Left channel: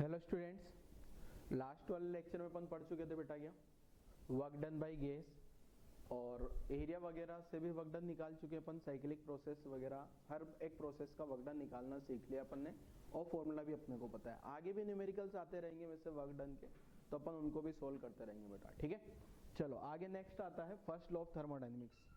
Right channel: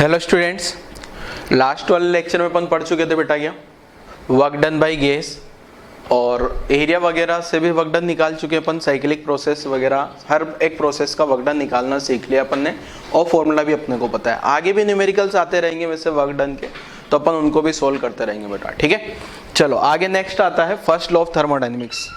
Hello students, last वाले lecture में अपन पढ़ चुके थे बेटा क्या वर्क डन बाय गैस और एरिया वगैरह से भी वर्क डन निकाल चुके अपन। साइक्लिक प्रोसेस वगैरह हर एक प्रोसेस का वर्क डन निकालना सीख लिया अपन ने और फॉर्मूला भी अपने को पता है। आगे भी न्यूमेरिकल्स आते रहेंगे वैसे वर्क डन के, तो अपन उनको भी सोल्व करते रहेंगे बेटा, ठीक है। चलो आगे नेक्स्ट आता है फर्स्ट लॉ ऑफ थर्मोडायनेमिक्स।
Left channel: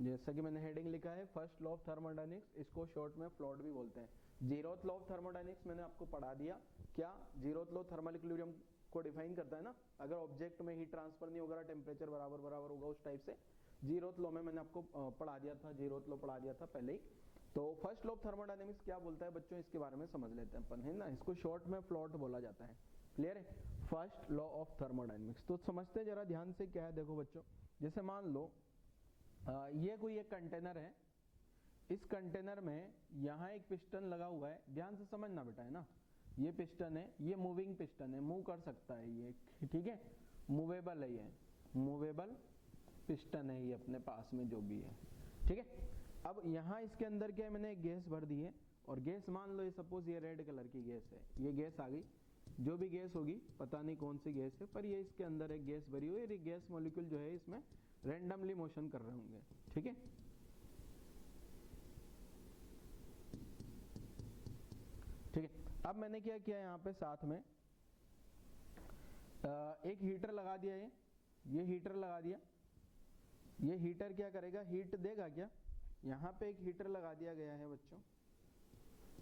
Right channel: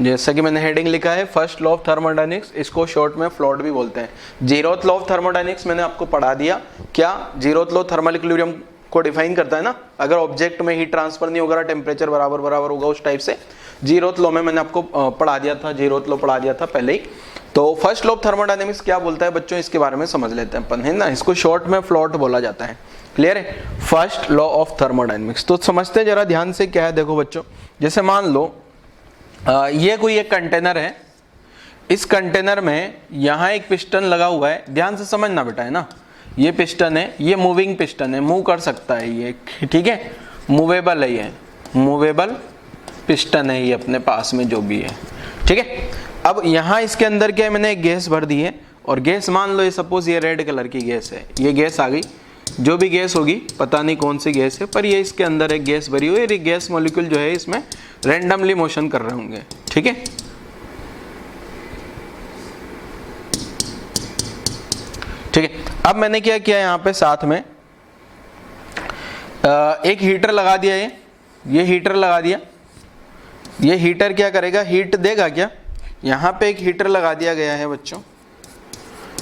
जैसा कि मैंने हेडिंग लिखा है फर्स्ट लॉ ऑफ थर्मोडायनेमिक्स, इसको शॉर्ट में फ्लॉट भी बोलते हैं। जीरोथ लॉ ऑफ थर्मोडायनेमिक्स मैंने आपको पढ़ा दिया। क्या जीरोथ लॉ थर्मल इक्विलिब्रियम को डिफाइन करता है ना, अगर ऑब्जेक्ट में हीट ट्रांसफर नहीं होगा, टेम्परेचर बराबर बराबर होगा, उस टाइप से जीरोथ लॉ में मैंने आपको पढ़ा दिया था, जीरोथ लॉ पढ़ा दिया था पहले ही। तो फर्स्ट लॉ ऑफ थर्मोडायनेमिक्स क्या बोलता है बच्चों, इसके बारे में समझ लेते हैं अपन, है ना। इसको शॉर्ट में फ्लॉट बोला जाता है, क्लियर है। फर्स्ट लॉ ऑफ थर्मोडायनेमिक्स तो समझते हैं जरा ध्यान से क्या है। देखो बच्चों, जैसे मान लो ये कोई एक कंटेनर है, इस कंटेनर में यहाँ एक पिस्टन लगा हुआ है, ध्यान से समझना बेटा, है ना। ये पिस्टन है, ये मूविंग पिस्टन है, मूव कर सकता है ये, ठीक है, मूवेबल है, ये मूवेबल पिस्टन है ये अपने पास में जो भी है, ठीक है। अब यहाँ इसके अंदर क्या है, मैंने एक गैस भर दी है और गैस मान लो ये सपोज ये रेड कलर की गैस है, ये गैस आ गई, जो भी गैस होगी पता नहीं कौन सी गैस है, पर ये इसके अंदर एक गैस भरी हुई है। ये गैस मॉलिक्यूल जो है इसमें रैंडमली मोशन कर रहे होंगे, ठीक है। ठीक है, अब मैंने क्या किया यहाँ पे साथ में एक हीटर लगा दिया, ये हीटर लगा दिया। ये हीटर क्या करेगा, हीट देगा क्या। यहाँ पे एक हीटर लगा दिया गया है बच्चों,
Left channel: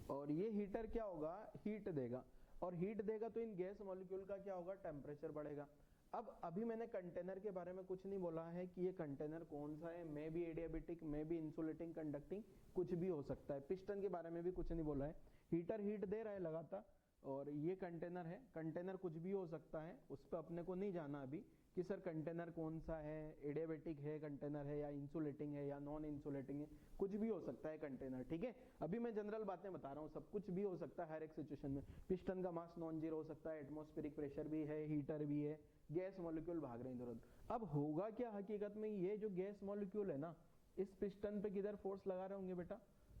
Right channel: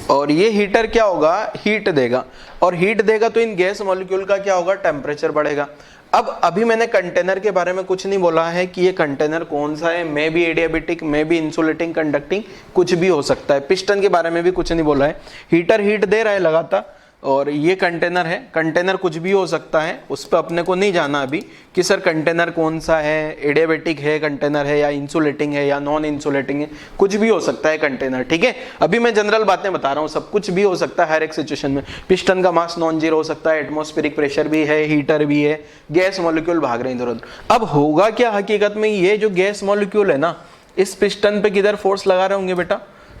और ये हीटर क्या होगा, हीट देगा, और हीट देगा तो इन गैस मॉलिक्यूल का क्या होगा, टेम्परेचर बढ़ेगा। अब अभी मैंने कंटेनर के बारे में कुछ नहीं बोला है कि ये कंटेनर कौन सा है, may be adiabatic, may be insulating, conducting, कुछ भी हो सकता है। पिस्टन के बारे में भी कुछ नहीं बोला है। हीटर हीट दे रहा है लगातार, और ये कंटेनर है, कंटेनर कुछ भी हो सकता है, उस पर अपने को नहीं जाना अभी कि सर कंटेनर कौन सा है, एडियाबेटिक है कंटेनर है या इंसुलेटिंग है या नॉन इंसुलेटिंग है, कुछ भी हो सकता है कंटेनर, ठीक है। अभी मैं जनरल बातें बता रहा हूँ, सब कुछ भी हो सकता है हर एक सिचुएशन में। पिस्टन का मास नॉन जीरो हो सकता है, एटमॉस्फेरिक प्रेशर भी है, हीटर भी है, गैस मॉलिक्यूल भाग रहे हैं इधर उधर। अब होगा क्या हकीकत में, ये जो गैस मॉलिक्यूल है ना, इस पिस्टन पे किधर फोर्स लगा रहे होंगे बेटा,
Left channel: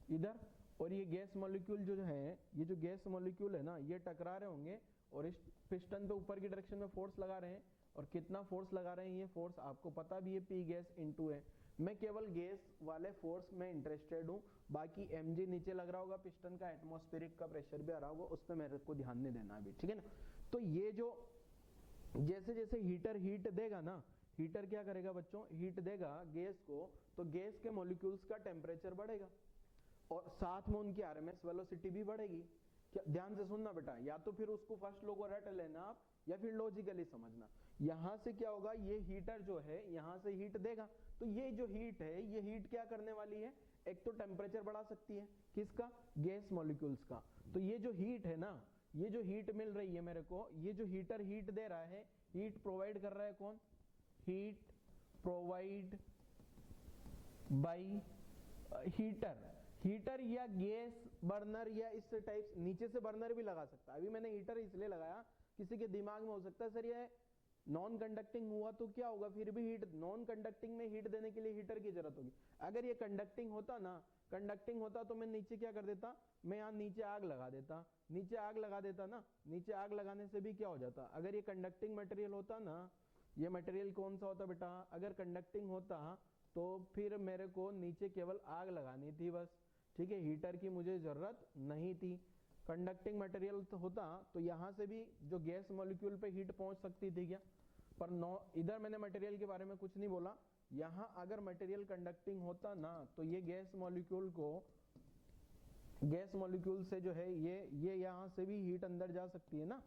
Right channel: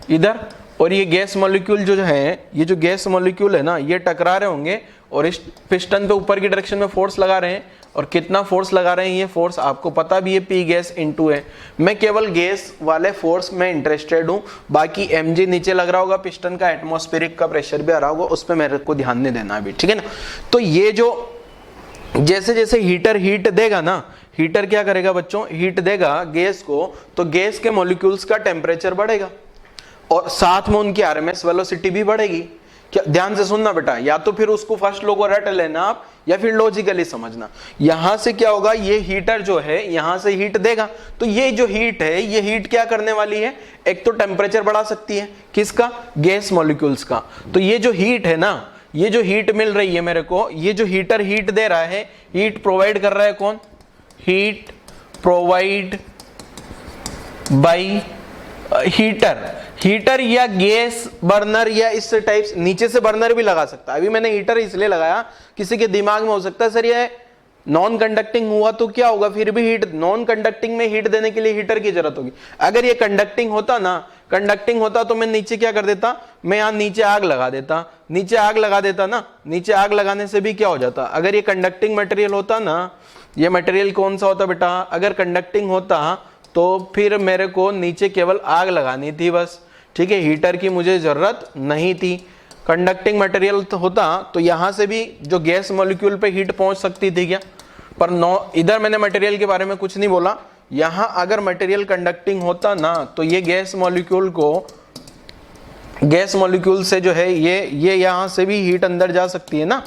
इधर, और ये गैस मॉलिक्यूल जो है, ये जो गैस मॉलिक्यूल है ना, ये टकरा रहे होंगे और इस पिस्टन पे ऊपर की डायरेक्शन में फोर्स लगा रहे हैं। और कितना फोर्स लगा रहे हैं, ये फोर्स आपको पता भी है, पी गैस इनटू है। मैं केवल गैस वाले फोर्स में इंटरेस्टेड हूँ, बाकी mg नीचे लग रहा होगा पिस्टन का, एटमॉस्फेरिक का प्रेशर भी आ रहा होगा, उस पर मेरे को ध्यान नहीं देना अभी, ठीक है ना। तो ये जो जैसे जैसे हीटर हीट देगा ना, हीटर क्या करेगा बच्चों, हीट देगा गैस को, तो गैस के मॉलिक्यूल्स का टेम्परेचर बढ़ेगा और साथ में उनकी आरएमएस वेलोसिटी भी बढ़ेगी। क्या, ध्यान से सुनना बेटा, या तो फिर उसको फर्स्ट लो को रट लेना आप, या फिर लॉजिकली समझना। यहां से क्या होगा, ये हीटर जो है यहां से हीट देगा, तो ये जो हीट है, ये हीट क्या करने वाली है, एक तो टेम्परेचर बढ़ा सकती है, किसका, गैस मॉलिक्यूल्स का। तो ये जो हीट है ना, ये जो हीट मिल रही है मेरे को, ये जो हीटर हीट दे रहा है, हीट प्रोवाइड कर रहा है कौन, heat provide by heater. Heater या गैस बर्नर या इस टाइप, नीचे से बर्नर भी लगा सकता है। अभी मैंने हीटर इसलिए लगाया, किसी के दिमाग में हो सकता है सर ये नॉन कंडक्टिंग हुआ तो क्या होगा, फिर भी हीट, नॉन कंडक्टिंग में हीट देने के लिए हीटर की जरूरत होगी। अगर ये कंडक्टिंग होता ना, कंडक्टिंग होता तो मैं नीचे क्या कर देता, मैं यहाँ नीचे आग लगा देता, नीचे आग लगा देता ना, नीचे आग लगाने से भी क्या हो जाता, अगर ये कंडक्टिंग मटेरियल होता ना, ये मटेरियल कौन सा होता बेटा, अगर कंडक्टिंग होता तो फिर मेरे को नीचे केवल आग लगानी थी बस, ठीक है, हीटर की मुझे जरूरत नहीं थी। कंडक्टिंग मटेरियल तो होता तो यहां से भी जो गैस मॉलिक्यूल पे हीट पहुंच सकती थी क्या, पर नो, इधर मैंने मटेरियल के बारे में कुछ नहीं बोला। यहां अगर मटेरियल कंडक्टिंग होता ना, तो ये गैस मॉलिक्यूल को, गैस मॉलिक्यूल से जो है ये यहां से भी हीट अंदर जा सकती है ना,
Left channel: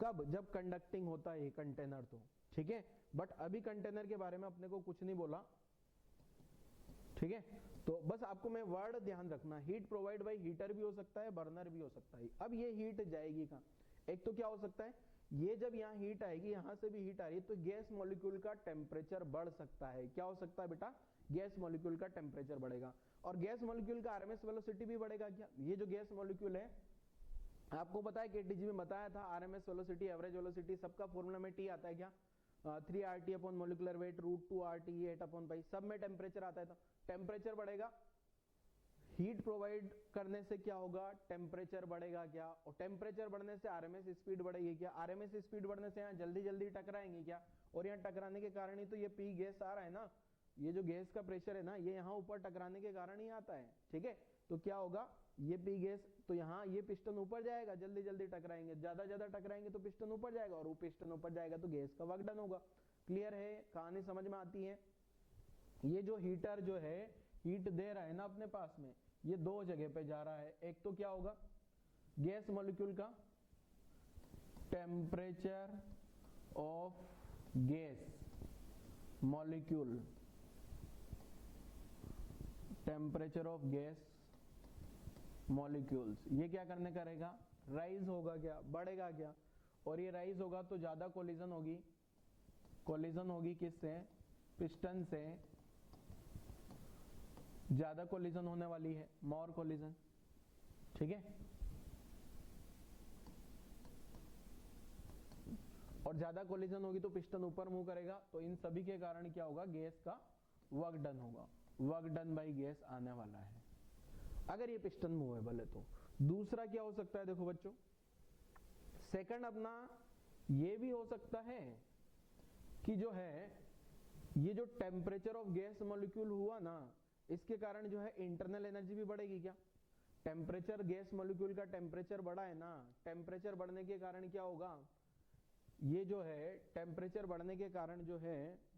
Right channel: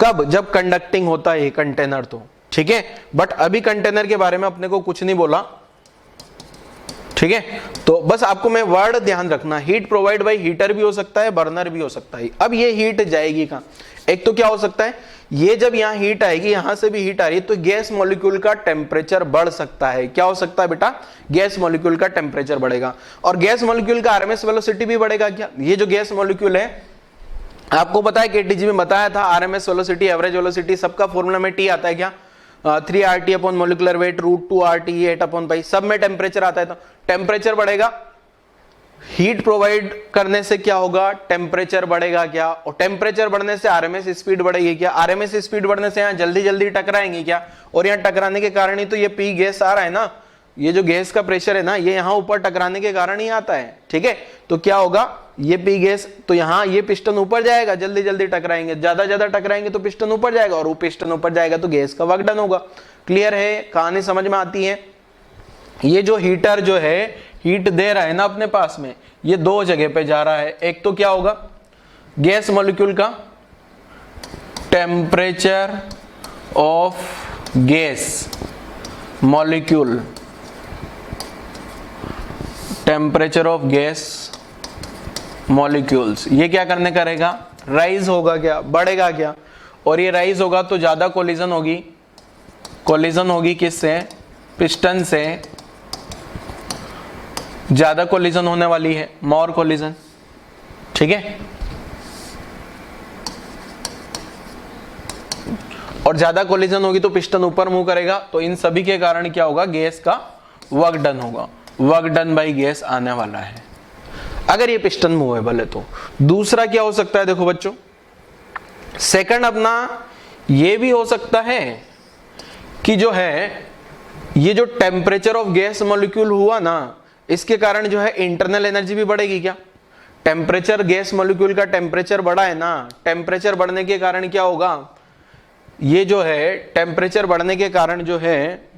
कब, जब कंडक्टिंग होता है ये कंटेनर, तो ठीक है। बट अभी कंटेनर के बारे में अपने को कुछ नहीं बोला, ठीक है। तो बस आपको मैं वर्ड ध्यान रखना, हीट प्रोवाइड बाय हीटर भी हो सकता है, बर्नर भी हो सकता है। अब ये हीट जाएगी कहां, एक तो क्या हो सकता है, ये जब यहाँ हीट आएगी, यहां से भी हीट आ रही है, तो गैस मॉलिक्यूल का टेम्परेचर बढ़ सकता है। क्या हो सकता है बेटा, गैस मॉलिक्यूल का टेम्परेचर बढ़ेगा, और गैस मॉलिक्यूल का आरएमएस वेलोसिटी भी बढ़ेगा। क्या, ये जो गैस मॉलिक्यूल है, आपको पता है केटीजी में बताया था, आरएमएस वेलोसिटी, एवरेज वेलोसिटी, सबका फॉर्मूला में टी आता है क्या, 3 RT upon molecular weight √2 RT 8 upon pi, सब में टेम्परेचर आता है। तो टेम्परेचर बढ़ेगा हीट प्रोवाइड करने से क्या होगा, टेम्परेचर बढ़ेगा क्या, और टेम्परेचर बढ़ने से आरएमएस स्पीड बढ़ेगी क्या, आरएमएस स्पीड बढ़ने से यहाँ जल्दी जल्दी टकराएंगे क्या, और यहाँ टकराने के कारण ही तो ये पी गैस आ रहा है ना, ये जो गैस का प्रेशर है ना ये यहाँ ऊपर टकराने के कारण ही आता है। ठीक है, तो क्या होगा, ये पी गैस, तो यहाँ ये पिस्टन ऊपर जाएगा, जल्दी जल्दी टकराएंगे, ज्यादा टकराएंगे तो पिस्टन ऊपर जाएगा, और वो पिस्टन ऊपर जाएगा तो गैस का वर्क डन होगा। क्लियर है, कहानी समझ में आती है। ये जो हीटर जो है हीट दे रहा है ना अपने पास में, ये दो जगह पे जा रहा है। एक तो क्या होगा, गैस मॉलिक्यूल का temperature of gas molecule, temperature of gas molecules, ये क्या करने करेगा, राइज होगा क्या, बढ़ेगा क्या, और ये राइज होगा तो ज्यादा कोलिजन होगी, कोलिजन होगी किससे, पिस्टन से, ज्यादा कोलिजन होने वाली है, मोर कोलिजन। ठीक है, और ज्यादा कोलिजन होगी तो पिस्टन ऊपर मूव करेगा, तो इन सभी के कारण क्या होगा, गैस का वर्क डन होगा, वर्क डन बाई गैस आने वाला है अगर ये पिस्टन मूवेबल है तो। दूसरा क्या हो सकता है, देखो बच्चों, सेकंड अपना ये भी हो सकता है कि जो है ये जो टेम्परेचर ऑफ गैस मॉलिक्यूल हुआ ना, इसके कारण जो है इंटरनल एनर्जी भी बढ़ेगी क्या, टेम्परेचर गैस मॉलिक्यूल का टेम्परेचर बढ़ा है ना, टेम्परेचर बढ़ने के कारण क्या होगा, ये जो है टेम्परेचर बढ़ने के कारण जो है,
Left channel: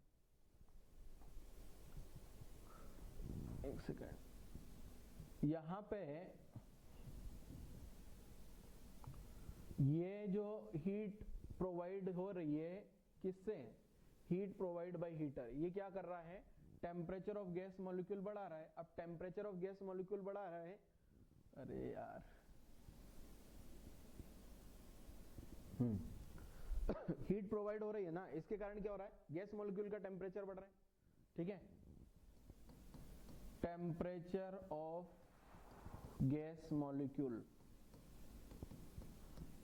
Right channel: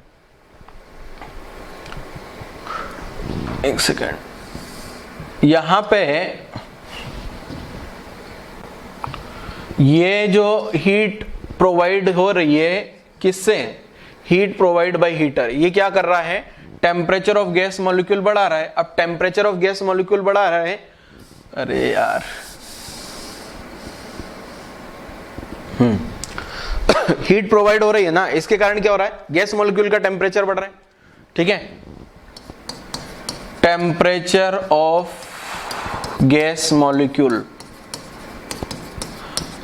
एक सेकेंड, यहां पे ये जो हीट प्रोवाइड हो रही है किससे, हीट प्रोवाइड बाय हीटर, ये क्या कर रहा है, टेम्परेचर ऑफ गैस मॉलिक्यूल बढ़ा रहा है। अब टेम्परेचर ऑफ गैस मॉलिक्यूल बढ़ा रहा है, अरे यार हीट प्रोवाइड हो रही है ना, इसके कारण क्या हो रहा है, गैस मॉलिक्यूल का टेम्परेचर बढ़ रहा है। ठीक है, temperature of gas molecule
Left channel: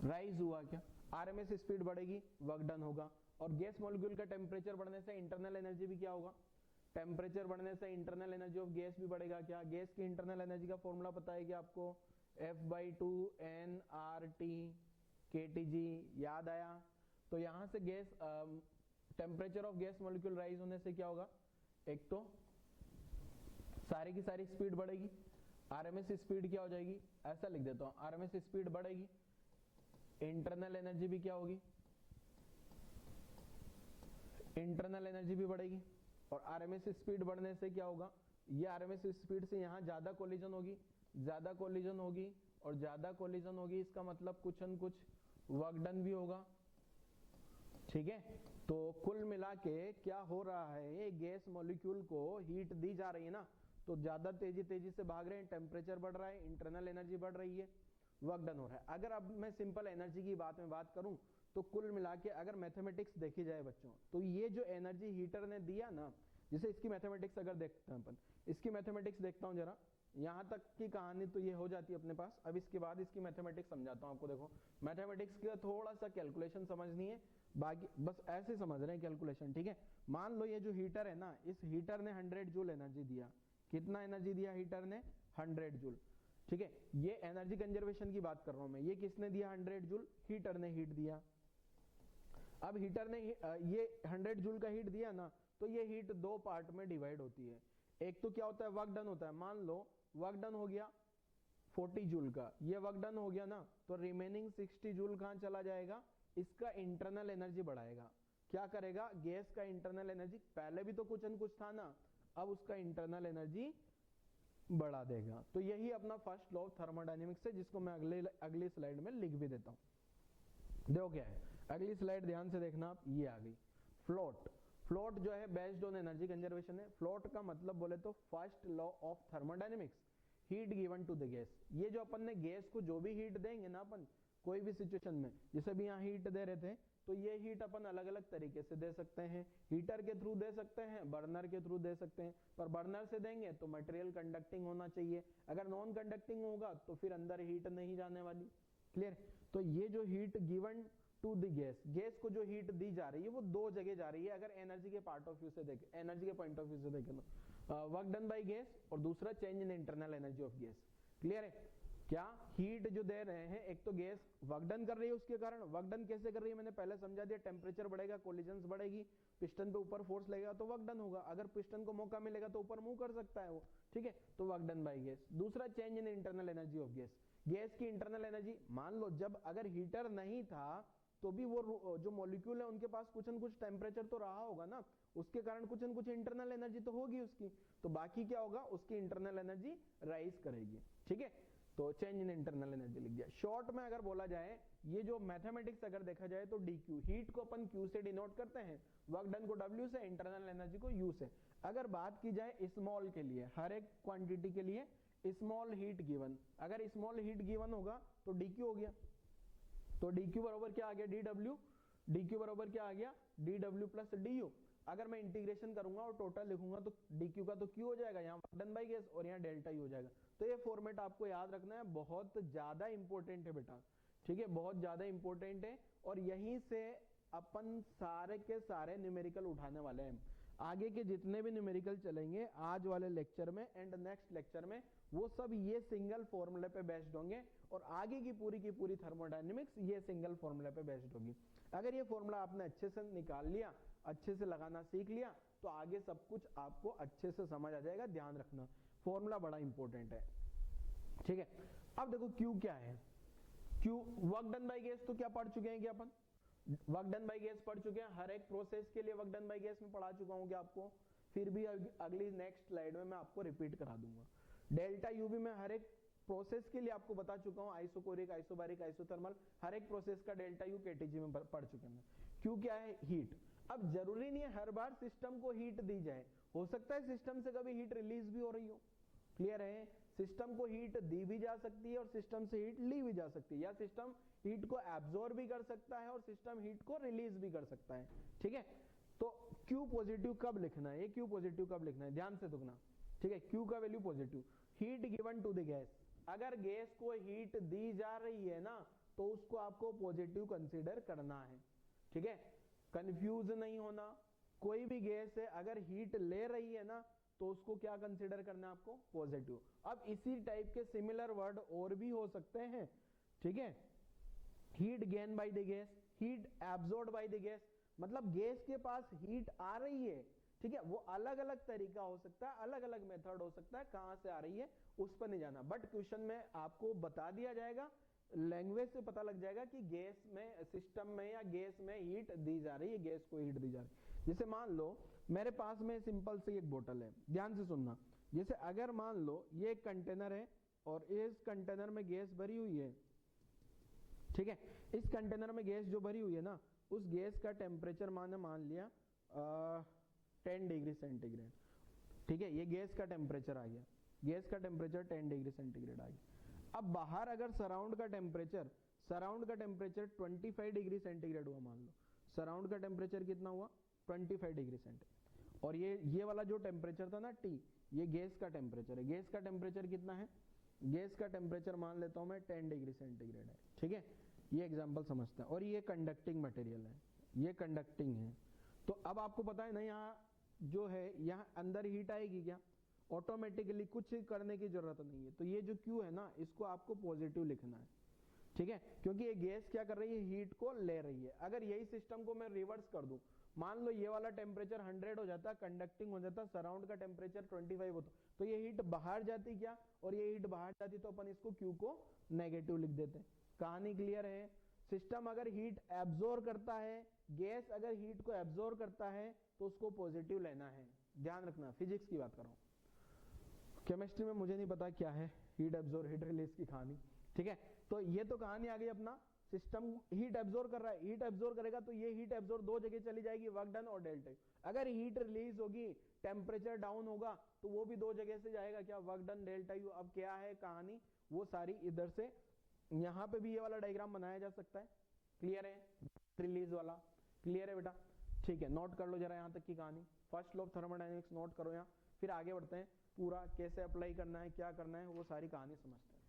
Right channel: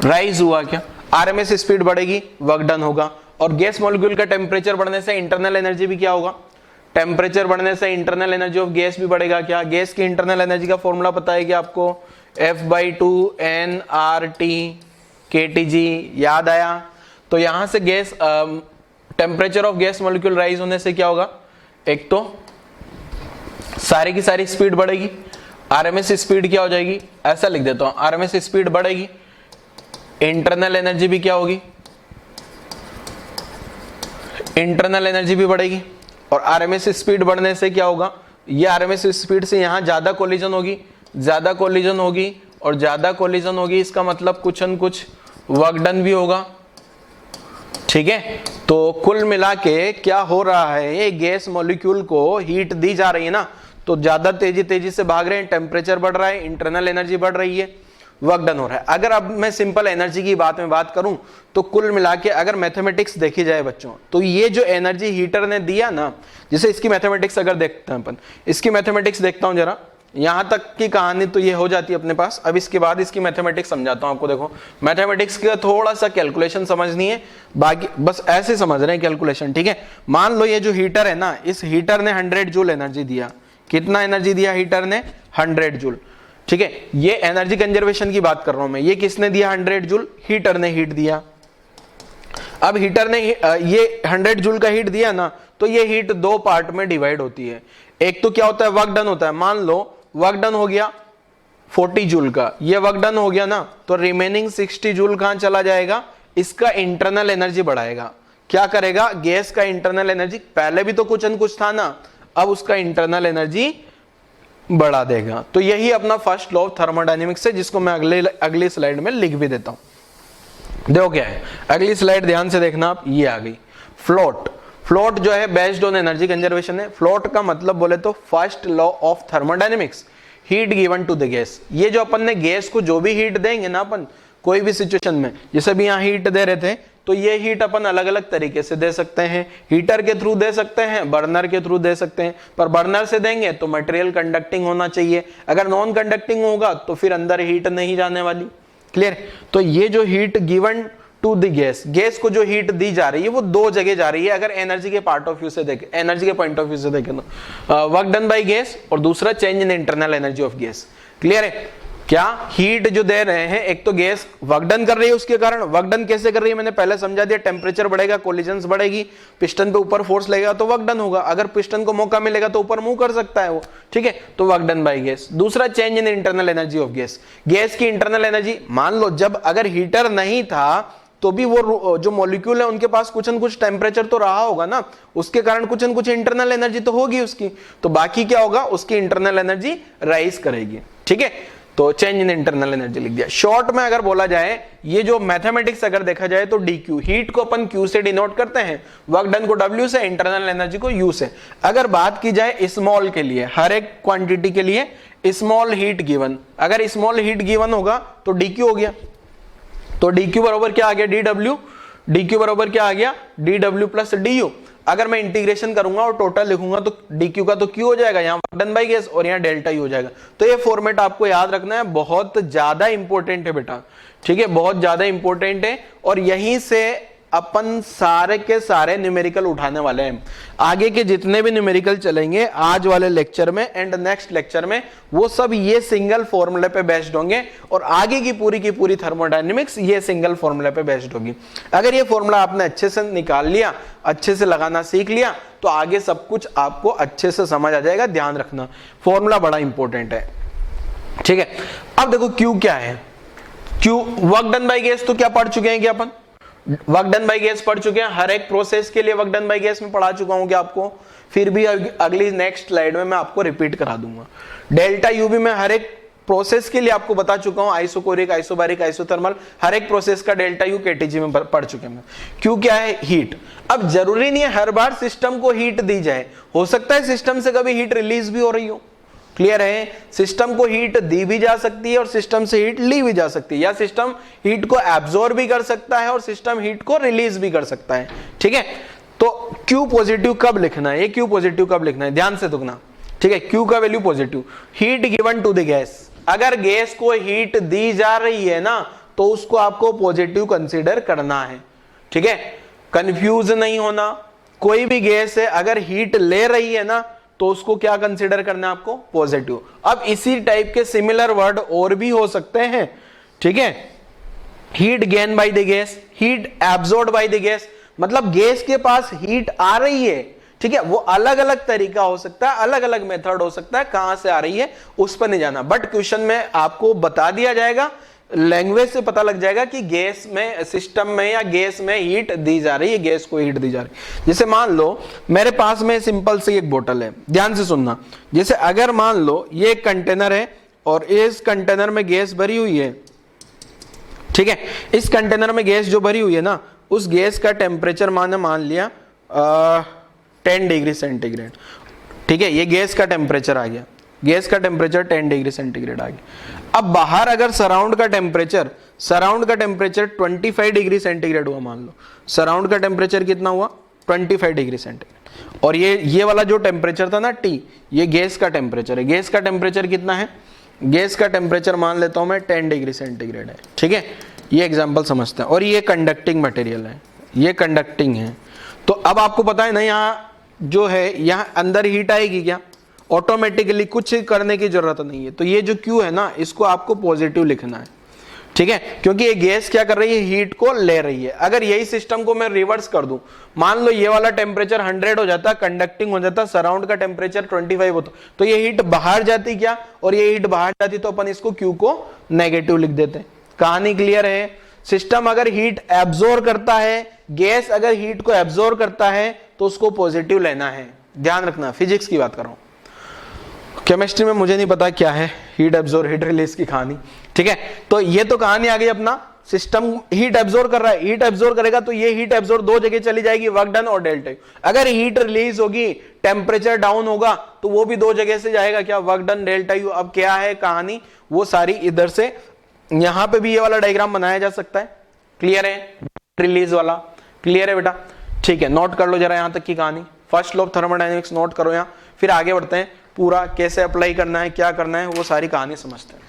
rise हुआ क्या, आरएमएस स्पीड बढ़ेगी, वर्क डन होगा, और गैस मॉलिक्यूल का टेम्परेचर बढ़ने से इंटरनल एनर्जी भी क्या होगा, टेम्परेचर बढ़ने से इंटरनल एनर्जी ऑफ गैस भी बढ़ेगा क्या, गैस की इंटरनल एनर्जी का फॉर्मूला पता है क्या आपको, F/2 nRT/kTg, याद आया। तो यहां से gas temperature of gas molecule rise होने से क्या होगा, एक तो सारी की सारी स्पीड बढ़ेगी, आरएमएस स्पीड क्या हो जाएगी, ऐसा लिख देता हूं, आरएमएस स्पीड बढ़ेगी, इंटरनल एनर्जी भी क्या होगी, इंटरनल एनर्जी भी बढ़ेगी, और आरएमएस स्पीड बढ़ने से क्या होगा, ये आरएमएस स्पीड से यहां ज्यादा कोलिजन होगी, ज्यादा कोलिजन होगी, और ज्यादा कोलिजन होगी, इसका मतलब कुछ न कुछ वर्क डन भी होगा। ठीक है, तो कुल मिला के क्या हो रहा है, ये गैस मॉलिक्यूल को हीट दी जा रही है ना, तो ज्यादा तेजी से भाग रहे हैं, टेम्परेचर बढ़ रहा है, इंटरनल एनर्जी बढ़ रही है, वर्क डन हो रहा है। अगर अब मैं सिंपल एनर्जी की बात करूं तो कुल मिला के अगर मैथमेटिक्स देखी जाए बच्चों, तो ये जो एनर्जी हीटर ने दिया ना, जैसे इसकी मैथमेटिक्स अगर देखते हैं अपन, इसकी मैथमेटिक्स देखता हूं जरा, यहां तक की कहानी तो ये हो जाती है अपने पास। अब इसके बाद इसकी मैथमेटिक्स समझाता हूं आपको। देखो, मैथमेटिक्स का थोड़ा सा कैलकुलेशन समझनी है, बाकी बस ऐसे समझ रहे हैं कैलकुलेशन। ठीक है, मान लो ये जो हीटर है ना, इस हीटर ने 100 जूल एनर्जी दिया। कितना एनर्जी दिया हीटर ने, 100 जूल। ठीक है, ये एनर्जी कंजर्वेशन की बात कर रहा हूं मैं। ये किसने दिया 100 जूल, हीटर ने हीट दिया। अब हीटर ने ये 100 जूल का हीट दिया ना, तो ये हीट दो पार्ट में डिवाइड होती है। एक तो क्या होता है, वर्क डन होता है। मान लो वर्क डन हो गया 40 जूल का, ये वर्क डन हो गया ना, तो रिमेनिंग 60 जूल कहां चला जाएगा, इसका इंटरनल एनर्जी बढ़ाएगा। क्या करेगा, गैस का इंटरनल एनर्जी, पहले भी तो कुछ न कुछ था ना, अब उसका इंटरनल एनर्जी बढ़ा देगा। तो यही अपना फर्स्ट लॉ ऑफ थर्मोडायनेमिक्स है, जिसको मैं अगली स्लाइड में लिख भी देता हूं। देखो क्या है अगली स्लाइड, ध्यान से देखना आप, ये आ गई फ्लोट। फ्लोट जो है बेस्ड ऑन एनर्जी कंजर्वेशन है। फ्लोट का मतलब बोले तो first law of thermodynamics, heat given to the gas. ये जो अपन ने गैस को जो भी हीट देंगे ना अपन कोई भी सिचुएशन में, जैसे भी यहाँ हीट दे रहे थे, तो ये हीट अपन अलग अलग तरीके से दे सकते हैं। हीटर के थ्रू दे सकते हैं, बर्नर के थ्रू दे सकते हैं। पर बर्नर से देंगे तो मटेरियल कंडक्टिंग होना चाहिए, अगर नॉन कंडक्टिंग होगा तो फिर अंदर हीट नहीं जाने वाली। क्लियर? तो ये जो heat given to to the gas, gas को जो हीट दी जा रही है वो दो जगह जा रही है अगर एनर्जी के पार्ट ऑफ व्यू से देखें, एनर्जी के पॉइंट ऑफ व्यू से देखें तो वर्क डन बाय गैस और दूसरा change in internal energy of gas. Clear है? क्या हीट जो दे रहे हैं, एक तो गैस वर्क डन कर रही है, उसके कारण वर्क डन कैसे कर रही है मैंने पहले समझा दिया, टेम्परेचर बढ़ेगा, कोलिजन्स बढ़ेगी, पिस्टन पे ऊपर फोर्स लगेगा तो वर्क डन होगा, अगर पिस्टन को मौका मिलेगा तो ऊपर मूव कर सकता है वो, ठीक है, तो वर्क डन बाय गैस। दूसरा change in internal energy of gas, gas की इंटरनल एनर्जी, मान लो जब अगर हीटर नहीं था तो भी वो जो मॉलिक्यूल है उनके पास कुछ न कुछ टेम्परेचर तो रहा होगा ना, उसके कारण कुछ न कुछ इंटरनल एनर्जी तो होगी उसकी, तो बाकी क्या होगा, उसकी इंटरनल एनर्जी राइज करेगी, ठीक है, तो चेंज इन इंटरनल एनर्जी लिख दिया। शॉर्ट में अगर बोला जाए, ये जो मैथमेटिक्स अगर देखा जाए तो dq, हीट को अपन q से डिनोट करते हैं, वर्क डन को w से, इंटरनल एनर्जी को u से। अगर बात की जाए स्मॉल के लिए, हर एक क्वांटिटी के लिए स्मॉल हीट गिवन, अगर स्मॉल हीट गिवन होगा तो dq हो गया, तो dq बराबर क्या आ गया, dw, dq बराबर क्या आ गया, dw प्लस du। अगर मैं इंटीग्रेशन करूंगा और टोटल लिखूंगा तो dq का तो q हो जाएगा, यहाँ वर्क डन बाय गैस और यहाँ डेल्टा u हो जाएगा। तो ये फॉर्मेट आपको याद रखना है, बहुत ज्यादा इंपॉर्टेंट है बेटा, ठीक है, बहुत ज्यादा इंपॉर्टेंट है, और यहीं से अपन सारे के सारे न्यूमेरिकल उठाने वाले हैं। आगे के जितने भी न्यूमेरिकल चलेंगे आज वाले लेक्चर में एंड नेक्स्ट लेक्चर में, वो सब ये सिंगल फॉर्मूले पे बेस्ड होंगे, और आगे की पूरी थर्मोडायनेमिक्स ये सिंगल फॉर्मूले पे बेस्ड होगी। अगर ये फॉर्मूला आपने अच्छे से निकाल लिया, अच्छे से लगाना सीख लिया, तो आगे सब कुछ आपको अच्छे से समझ आ जाएगा। ध्यान रखना, फॉर्मूला बड़ा इंपॉर्टेंट है, ठीक है। अब देखो Q क्या है, Q work done by gas तो क्या पढ़ चुके हैं, क्या अपन वर्क डन बाय गैस पढ़ चुके हैं, हर एक प्रोसेस के लिए वर्क डन बाय गैस में पढ़ा चुका हूं क्या आपको, फिर भी अगली नेक्स्ट स्लाइड में मैं आपको रिपीट करा दूंगा। डेल्टा यू भी मैं हर एक प्रोसेस के लिए आपको बता चुका हूं, आइसोकोरिक, आइसोबारिक, आइसोथर्मल, हर एक प्रोसेस का डेल्टा यू केटीजी में पढ़ चुके हैं। क्यों क्या है, हीट। अब जरूरी नहीं है हर बार सिस्टम को हीट दी जाए, हो सकता है सिस्टम से कभी हीट रिलीज भी हो रही हो, क्लियर है, सिस्टम को हीट दी भी जा सकती है और सिस्टम से हीट ली भी जा सकती है, या सिस्टम हीट को एब्जॉर्ब भी कर सकता है और सिस्टम हीट को रिलीज भी कर सकता है, ठीक है। तो Q पॉजिटिव कब लिखना है, ये Q पॉजिटिव कब लिखना है, ध्यान से दुखना, ठीक है। Q का value positive, heat given to the gas, अगर गैस को हीट दी जा रही है ना तो उसको आपको पॉजिटिव कंसीडर करना है, ठीक है, कंफ्यूज नहीं होना। कोई भी गैस है अगर हीट ले रही है ना तो उसको क्या कंसीडर करना है आपको, पॉजिटिव। अब इसी टाइप के सिमिलर वर्ड और भी हो सकते हैं, ठीक है। Heat gain by the gas, heat absorb by the gas, मतलब गैस के पास हीट आ रही है, ठीक है, वो अलग अलग तरीका हो सकता है, अलग अलग मेथड हो सकता है, कहां से आ रही है उस पर नहीं जाना, बट क्वेश्चन में आपको बता दिया जाएगा, लैंग्वेज से पता लग जाएगा कि गैस में, सिस्टम में या गैस में हीट दी जा रही है, गैस को हीट दी जा रही है। जैसे मान लो मेरे पास में सिंपल सी एक बोतल है, ध्यान से सुनना, जैसे अगर मान लो ये एक कंटेनर है और इस कंटेनर में गैस भरी हुई है, ठीक है, इस कंटेनर में गैस जो भरी हुई है ना, उस गैस का टेम्परेचर मान लिया 10 डिग्री सेंटीग्रेड, ठीक है, ये गैस का टेम्परेचर आ गया, गैस का टेम्परेचर 10 डिग्री सेंटीग्रेड आ गया। अब बाहर अगर सराउंड का टेम्परेचर 25 डिग्री सेंटीग्रेड हुआ, मान लो सराउंड का टेम्परेचर कितना हुआ 25 डिग्री सेंटीग्रेड, और ये वाला जो टेम्परेचर था ना T, ये गैस का टेम्परेचर है। गैस का टेम्परेचर कितना है, गैस का टेम्परेचर मान लेता हूं मैं 10 डिग्री सेंटीग्रेड है, ठीक है, ये एग्जाम्पल समझते हैं। और ये कंडक्टिंग मटेरियल है, ये कंडक्टिंग है, तो अब आपको पता है ना यहाँ जो है, यहाँ अंदर हीट आएगी क्या, ऑटोमेटिकली कुछ करने की जरूरत नहीं है। तो ये जो Q है ना, इसको आपको पॉजिटिव लिखना है, ठीक है, क्योंकि ये गैस क्या कर रही है, हीट को ले रही है। अगर यही सिस्टम को मैं रिवर्स कर दूं, मान लो ये वाला टेम्परेचर 100 हो जाता, कंडक्टिंग हो जाता, सराउंड का टेम्परेचर 25 होता, तो ये हीट बाहर जाती क्या, और ये हीट बाहर जाती तो अपन इसको Q को नेगेटिव लिख देते। कहानी क्लियर है। सिस्टम अगर हीट एब्जॉर्ब करता है, गैस अगर हीट को एब्जॉर्ब करता है तो उसको पॉजिटिव लेना है, ध्यान रखना, फिजिक्स की बात कर रहा हूं, केमिस्ट्री में मुझे नहीं पता क्या है हीट एब्जॉर्ब हीट रिलीज की कहानी, ठीक है। तो ये तो कहानी आ गई अपना, सिस्टम हीट एब्जॉर्ब कर रहा है, हीट एब्जॉर्ब करेगा तो ये हीट एब्जॉर्ब दो जगह चली जाएगी, वर्क डन और डेल्टा। अगर हीट रिलीज होगी, टेम्परेचर डाउन होगा, तो वो भी दो जगह से जाएगा, क्या, वर्क डन डेल्टा यू। अब क्या है कहानी, वो सारी इधर से, यहां पे भी ये वाला डायग्राम बनाया जा सकता है, क्लियर है, रिलीज वाला, क्लियर है बेटा, ठीक है। नोट कर लो जरा यहां तक की कहानी, first law of thermodynamics note करो यहाँ, फिर आगे बढ़ते हैं, पूरा कैसे अप्लाई करना है, क्या करना है, वो सारी कहानी समझते हैं।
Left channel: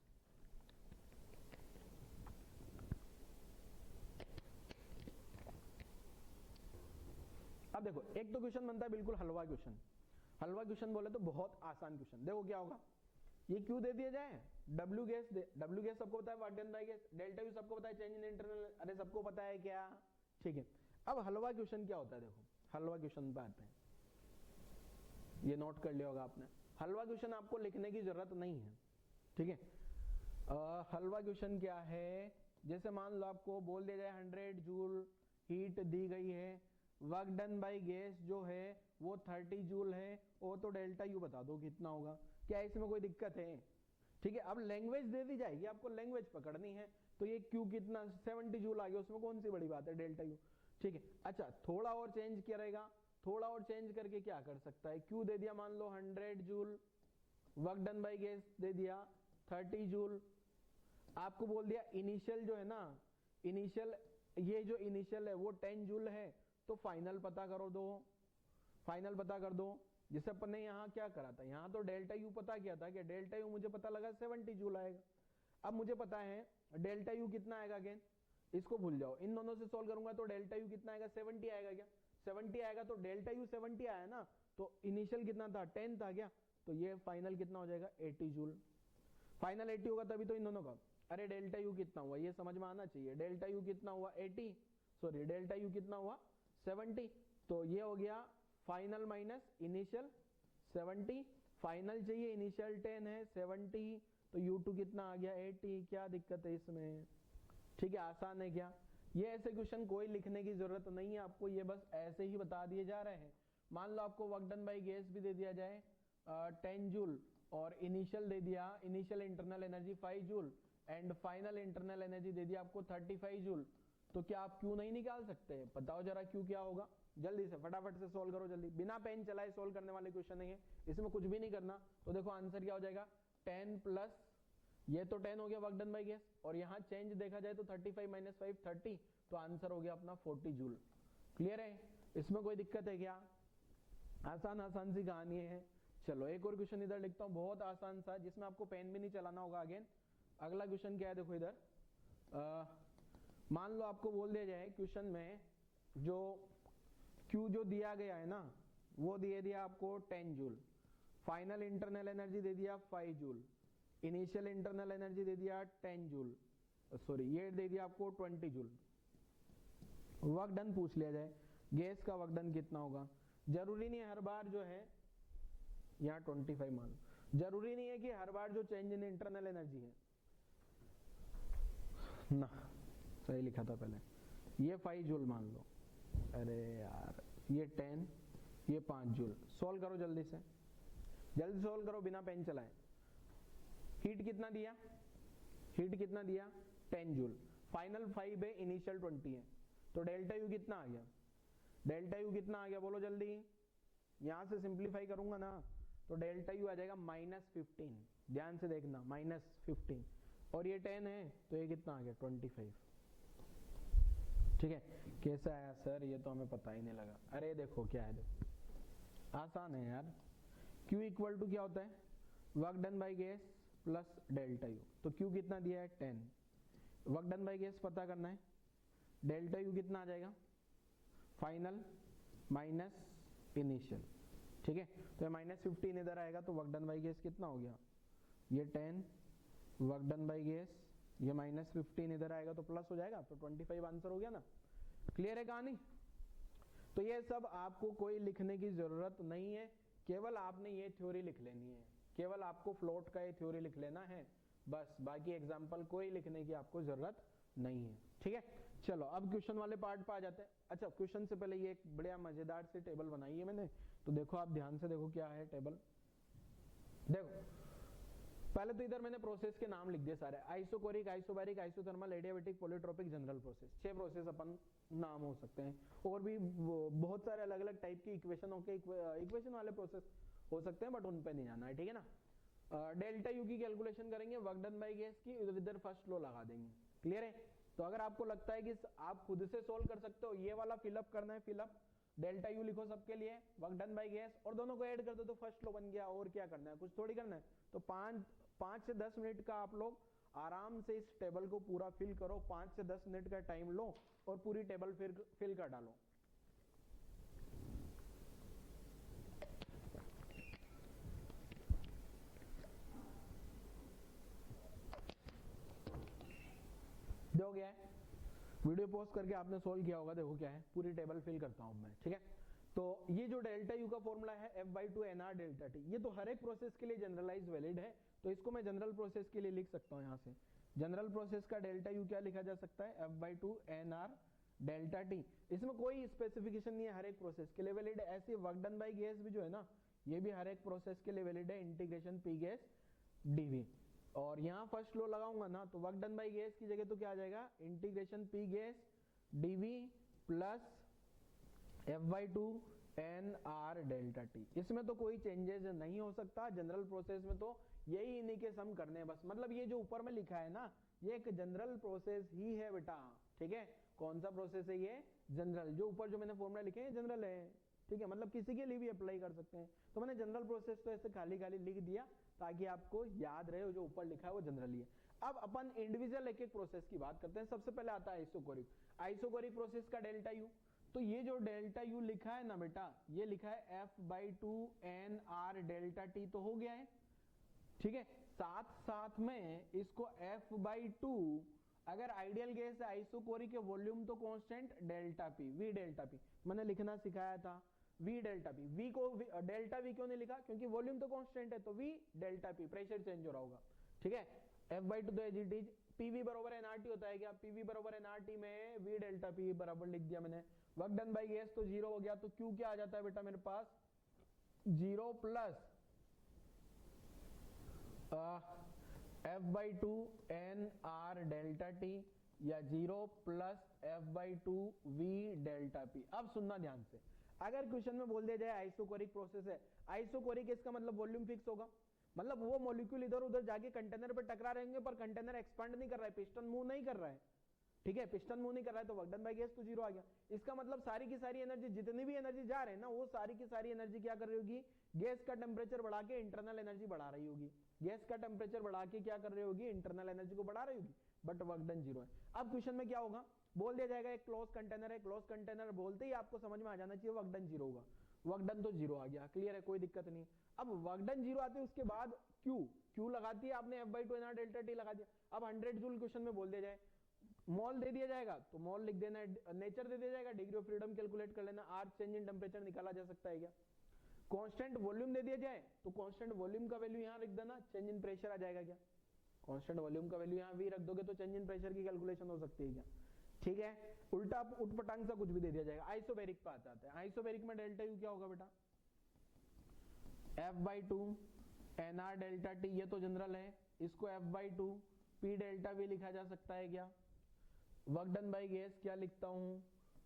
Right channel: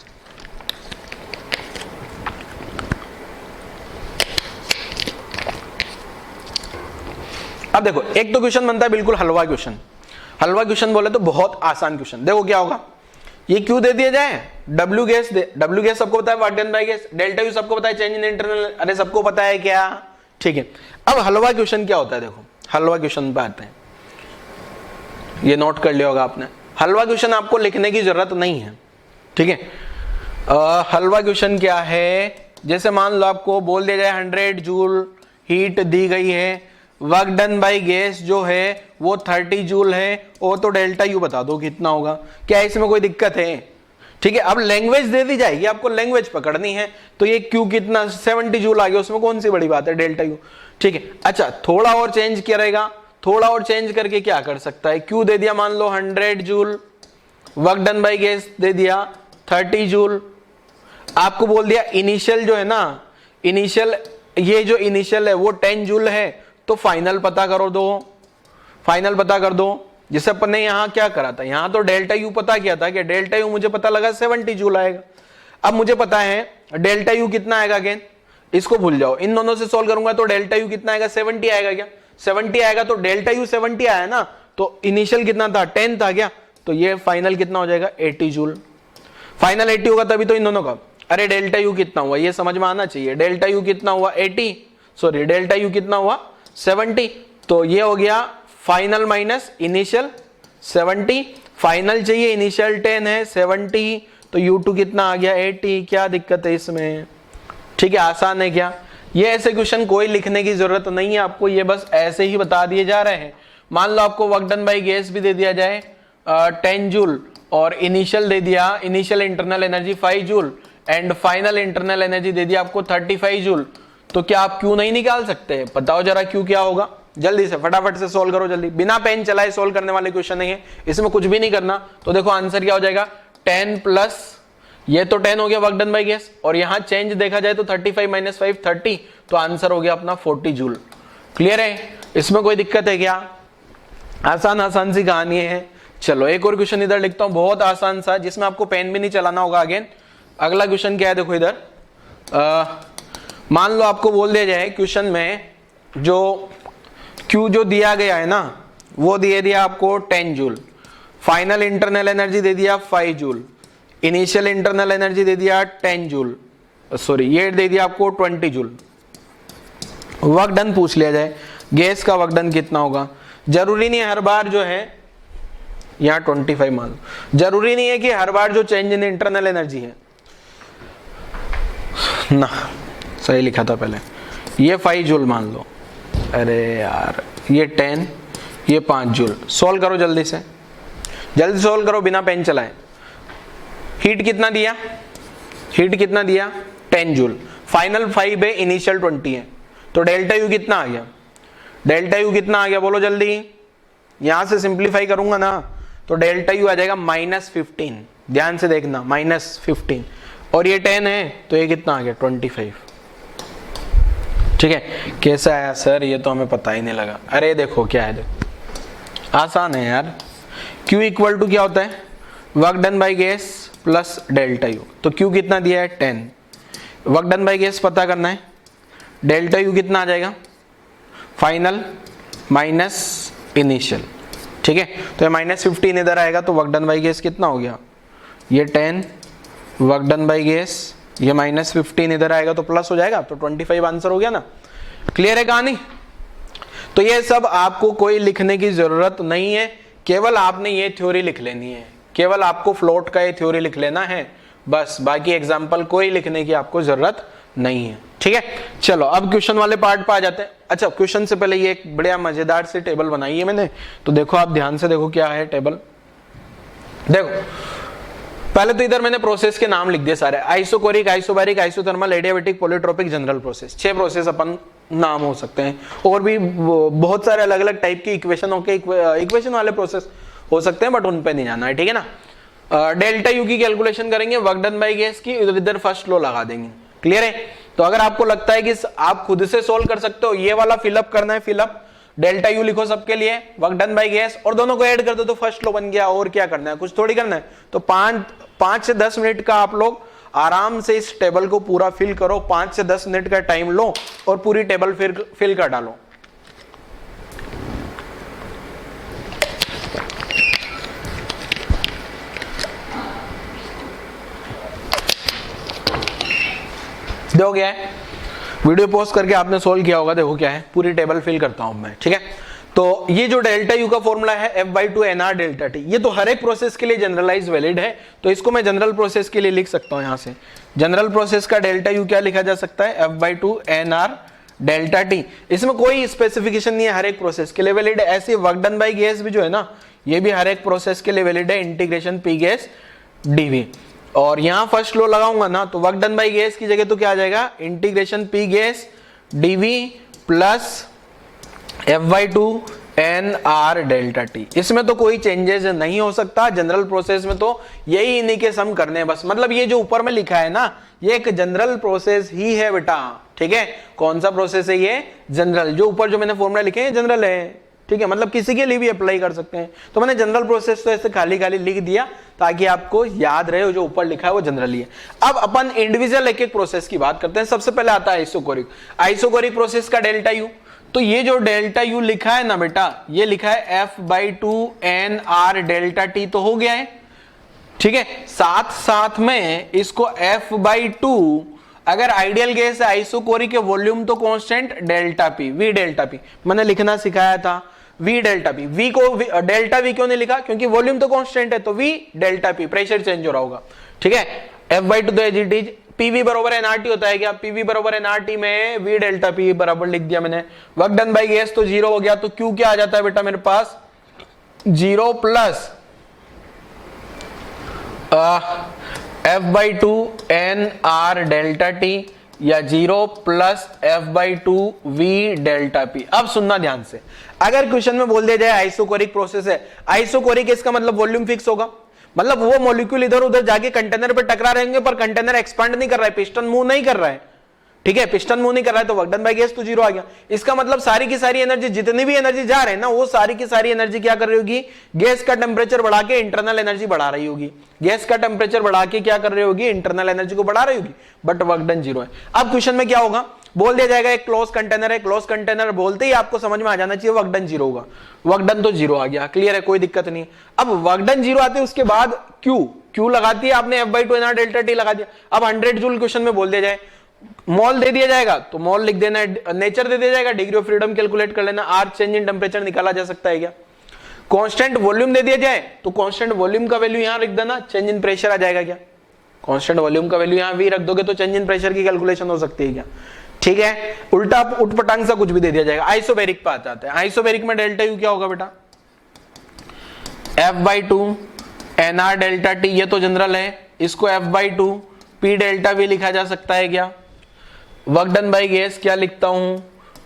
अब देखो एक तो क्वेश्चन बनता है बिल्कुल हलवा क्वेश्चन। हलवा क्वेश्चन बोले तो बहुत आसान क्वेश्चन। देखो क्या होगा, ये क्यू दे दिया जाए, डब्ल्यू गैस सबको पता है, work done by gas, delta U सबको पता है, चेंज इन इंटरनल, अरे सबको पता है क्या, ठीक है। अब हलवा क्वेश्चन क्या होता है, देखो हलवा क्वेश्चन पे आते हैं, ये नोट कर लिया होगा आपने। हलवा क्वेश्चन आपको लिखने की जरूरत नहीं है, ठीक है। हलवा क्वेश्चन क्या है, जैसे मान लो आपको बोल दिया जाए 100 जूल हीट दी गई है, वर्क डन बाय गैस जो है वो 30 जूल है, और तो डेल्टा यू बता दो कितना होगा, क्या इसमें कोई दिक्कत है, ठीक है। अब लैंग्वेज दे दी जाएगी, आपको लैंग्वेज पकड़नी है, तो ये क्यू कितना 70 जूल आ गया, उसमें कौन सी बड़ी बात है, डेल्टा यू, ठीक है। अच्छा थोड़ा और चेंज किया रहेगा, थोड़ा और चेंज करके क्या कर सकता है, क्यू दे दिया मान लो 100 joule, work done by gas दे दिया 30 जूल, आपको बोल दिया इनिशियल जो है ना, इनिशियल ये जो इनिशियल है वो 10 जूल है, तो फाइनल पता करो दो, फाइनल पता कर दो। जैसे अपन ने यहाँ क्या करा था, यहाँ तो डेल्टा यू पता किया था कि डेल्टा यू मुझे पता लगा 70 जूल आएगा। अब मुझे पता है डेल्टा यू कितना आएगा, अगेन इसको भूल जाओ, इन दोनों से सॉल्व करूंगा तो डेल्टा यू कितना आएगा, 70 आएगा, क्या 70 आएगा, तो डेल्टा यू 70 आया ना, तो इनिशियल कितना था 10 था क्या, तो ये फाइनल कितना हो जाएगा 80 जूल। फाइनल 80 होगा तभी तो इन दोनों का, अरे डेल्टा यू कितना हुआ ये समझ में आना चाहिए, डेल्टा यू कितना हुआ 80, सॉरी डेल्टा यू कितना हुआ 70, तो ये हो गया फाइनल माइनस इनिशियल 70, फाइनल चाहिए इनिशियल 10 है 70, तो U2 कितना आ गया 80, क्या दिक्कत है इसमें, ठीक है, आसान है क्या। ये ऐसे क्वेश्चन कोई लिखने की जरूरत नहीं है आपको, ये बस ऐसे ही बता दिए जा रहे हैं। मान लो आपको वर्क डन बाय गैस भी दे दिया जाए 10 जूल, और इनिशियल दे दिया, initial internal energy 5 joule, and final internal energy दे दिया आपको 35 जूल, तो क्या आप क्यू नहीं निकाल सकते, बताओ जरा क्यू क्या होगा, जल्दी से फटाफट से सोल्व करो जल्दी, बिना पेन चलाए सोल्व करने वाले क्वेश्चन नहीं है, इसमें कुछ भी नहीं करना। तो देखो आंसर क्या हो जाएगा 10 प्लस ये तो 10 हो गया वर्क डन बाय गैस, और यहाँ चेंज देखा जाए तो 35 माइनस 5 30, तो आंसर हो गया अपना 40 जूल। क्लियर है, इसमें कोई दिक्कत है क्या, आसान आसान सी कहानी है। चलो एक और क्वेश्चन इधर लिखता हूं, बहुत आसान सा, जिसमें आपको पेन भी नहीं चलाना होगा। अगेन अगला क्वेश्चन क्या है, देखो इधर मान लो आपको बोल दिया जाए क्वेश्चन में जो क्यू जो दिया गया है ना, वो दे दिया आपको 10 जूल, फाइनल इंटरनल एनर्जी दे दिया 5 जूल, इनिशियल इंटरनल एनर्जी दे दिया 10 जूल, सॉरी ये दे दिया आपको 20 जूल। वर्क डन पूछ लिया जाए, गैस का वर्क डन कितना होगा, जरूरी नहीं है हर बार जो है यहाँ 25 मान लो, जरूरी नहीं है कि हर बार जो चेंज इन इंटरनल एनर्जी है ना, सही लिखा था पहले, ये 5 जूल मान लो, अरे यार ये 10 ये 5 जूल, सोल्व करो जल्दी से, जल्दी सोल्व करो बिना पेन चलाए। हीट कितना दिया, हीट कितना दिया 10 जूल, फाइनल 5 है इनिशियल 20 है, तो डेल्टा यू कितना आ गया, डेल्टा यू कितना आ गया बोलो जल्दी, यहां से सिंप्लीफाई करूंगा ना तो डेल्टा यू आ जाएगा -15, ध्यान से देखना -15, और ये 10 है तो ये कितना आ गया 25, ठीक है। कैसा आया सर, ये तो हमें पता ही नहीं लगा, अरे देखो क्या है, देखो आसान है यार, Q इक्वल टू क्या होता है, work done by gas plus delta U, तो Q कितना दिया है 10, वर्क डन बाय गैस पता करना है, डेल्टा यू कितना आ जाएगा फाइनल माइनस इनिशियल, ठीक है, तो ये -15 इधर आएगा, तो वर्क डन बाय गैस कितना हो गया, ये 10 वर्क डन बाय गैस, ये -15 इधर आएगा तो प्लस हो जाएगा, तो 25 आंसर हो गया ना। क्लियर है कहानी, तो ये सब आपको कोई लिखने की जरूरत नहीं है, केवल आपने ये थ्योरी लिख लेनी है, केवल आपको फ्लोट का ये थ्योरी लिख लेना है बस, बाकी एग्जाम्पल कोई लिखने की आपको जरूरत नहीं है, ठीक है। चलो अब क्वेश्चन वाले पार्ट पर आ जाते हैं। अच्छा क्वेश्चन से पहले ये एक बढ़िया मजेदार सी टेबल बनाई है मैंने, तो देखो आप ध्यान से देखो क्या है टेबल, देखो पहले तो इधर मैंने प्रोसेस के नाम लिख दिए सारे, isochoric, isobaric, isothermal, adiabatic, polytropic, general process, 6 process अपन नाम हो सकते हैं, और भी बहुत सारे अलग अलग टाइप की इक्वेशन इक्वेशन वाले प्रोसेस हो सकते हैं, बट उन पे नहीं जाना है, ठीक है ना। डेल्टा यू की कैलकुलेशन करेंगे, वर्क डन बाय गैस की, इधर फर्स्ट लॉ लगा देंगे। क्लियर है, तो अगर आपको लगता है कि आप खुद से सोल्व कर सकते हो, ये वाला फिलअप करना है, फिलअप डेल्टा यू लिखो सबके लिए, वर्क डन बाय गैस, और दोनों को ऐड कर दो तो फर्स्ट लॉ बन गया, और क्या करना है, कुछ थोड़ी करना है। तो 5 से 10 मिनट का आप लोग आराम से इस टेबल को पूरा फिल करो, 5 से 10 मिनट का टाइम लो और पूरी टेबल फिल कर डालो। देखो क्या है, वीडियो पॉज करके आपने सोल्व किया होगा, देखो क्या है, पूरी टेबल फिल करता हूं मैं, ठीक है। तो ये जो डेल्टा यू का फॉर्मूला है F/2 NR डेल्टा टी, ये तो हर एक प्रोसेस के लिए जनरलाइज वैलिड है, तो इसको मैं जनरल प्रोसेस के लिए लिख सकता हूं। यहां से जनरल प्रोसेस का डेल्टा यू क्या लिखा जा सकता है, F/2 NR डेल्टा टी। इसमें कोई स्पेसिफिकेशन नहीं है, हर एक प्रोसेस के लिए वैलिड है। ऐसे वर्क डन बाय गैस भी जो है ना, ये भी हर एक प्रोसेस के लिए वैलिड है, इंटीग्रेशन पी गैस डीवी। और यहां फर्स्ट लॉ लगाऊंगा ना, तो वर्क डन बाय गैस की जगह तो क्या आ जाएगा, integration P gas dV plus F/2 NR delta T. इसमें तो कोई चेंजेस नहीं हो सकता, जनरल प्रोसेस में तो यही इन्हीं के सम करने हैं बस। मतलब ये जो ऊपर में लिखा है ना, ये एक जनरल प्रोसेस ही है बेटा, ठीक है। कौन सा प्रोसेस है ये, जनरल। जो ऊपर जो मैंने फॉर्मूला लिखे हैं जनरल है, ठीक है, मतलब किसी के लिए भी अप्लाई कर सकते हैं। तो मैंने जनरल प्रोसेस तो ऐसे खाली खाली लिख दिया ताकि आपको याद रहे, जो ऊपर लिखा है वो जनरली है। अब अपन इंडिविजुअल एक एक प्रोसेस की बात करते हैं। सबसे पहले आता है आइसोकोरिक। आइसोकोरिक प्रोसेस का डेल्टा यू, तो ये जो डेल्टा यू लिखा है ना बेटा, ये लिखा है F/2 NR डेल्टा टी, तो हो गया है, ठीक है। साथ साथ में इसको F/2, अगर आइडियल गैस है आइसोकोरिक के वॉल्यूम तो constant delta P, we delta P मैंने लिखना सिखाया था, वी डेल्टा पी। वी को डेल्टा वी क्यों नहीं लिखा, क्योंकि वॉल्यूम तो कांस्टेंट है, तो we delta P, pressure change हो रहा होगा, ठीक है। F/2 तो एज इट इज, पीवी बराबर एनआरटी होता है क्या, पीवी बराबर एनआरटी में वी डेल्टा पी बराबर लिख दिया मैंने। वर्क डन बाय गैस तो 0 हो गया, तो क्यू क्या आ जाता है बेटा मेरे पास, 0 plus F/2 NR delta T, या 0 plus F/2 V delta P. अब सुनना ध्यान से, अगर क्वेश्चन में बोल दिया जाए आइसोकोरिक प्रोसेस है, आइसोकोरिक इसका मतलब वॉल्यूम फिक्स होगा, मतलब वो मॉलिक्यूल इधर उधर जाके कंटेनर पे टकरा रहेंगे पर कंटेनर एक्सपांड नहीं कर रहा है, पिस्टन मूव नहीं कर रहा है, ठीक है, पिस्टन मूव नहीं कर रहा है, तो वर्क डन बाय गैस तो 0 आ गया। इसका मतलब सारी की सारी एनर्जी, जितनी भी एनर्जी जा रहे हैं ना, वो सारी की सारी एनर्जी क्या कर रही होगी, गैस का टेम्परेचर बढ़ा के इंटरनल एनर्जी बढ़ा रही होगी। गैस का टेम्परेचर बढ़ा के क्या कर रही होगी, इंटरनल एनर्जी को बढ़ा रही होगी, बट वर्क डन 0 है। अब क्वेश्चन में क्या होगा, बोल दिया जाएगा एक क्लोज कंटेनर है, क्लोज कंटेनर बोलते ही आपको समझ में आ जाना चाहिए वर्क डन 0 होगा। वर्क डन तो 0 आ गया, क्लियर है, कोई दिक्कत नहीं। अब वर्क डन 0 आते उसके बाद क्यू लगाती है आपने, F/2 NR डेल्टा टी लगा दिया। अब 100 जूल क्वेश्चन में बोल दिया जाए, मॉल दे दिया जाएगा तो मॉल लिख देना, नेचर दे दिया जाएगा, डिग्री ऑफ फ्रीडम कैलकुलेट कर लेना, आर चेंज इन टेम्परेचर निकाला जा सकता है क्या। कांस्टेंट वॉल्यूम दे दिया जाए तो कांस्टेंट वॉल्यूम का वैल्यू यहां लिख देना, चेंज इन प्रेशर आ जाएगा क्या, कांस्टेंट वॉल्यूम का वैल्यू यहां भी रख दोगे तो चेंज इन प्रेशर की कैलकुलेशन हो सकती है क्या, ठीक है। उल्टा उठपटांग सा कुछ भी दे दिया जाएगा। आइसोबेरिक पे आते हैं, आइसोबेरिक में डेल्टा यू क्या होगा बेटा, F/2 NR डेल्टा टी, ये तो जनरल है, इसको F/2 P डेल्टा वी लिखा जा सकता है क्या। वर्क डन बाय गैस क्या लिखता हूं,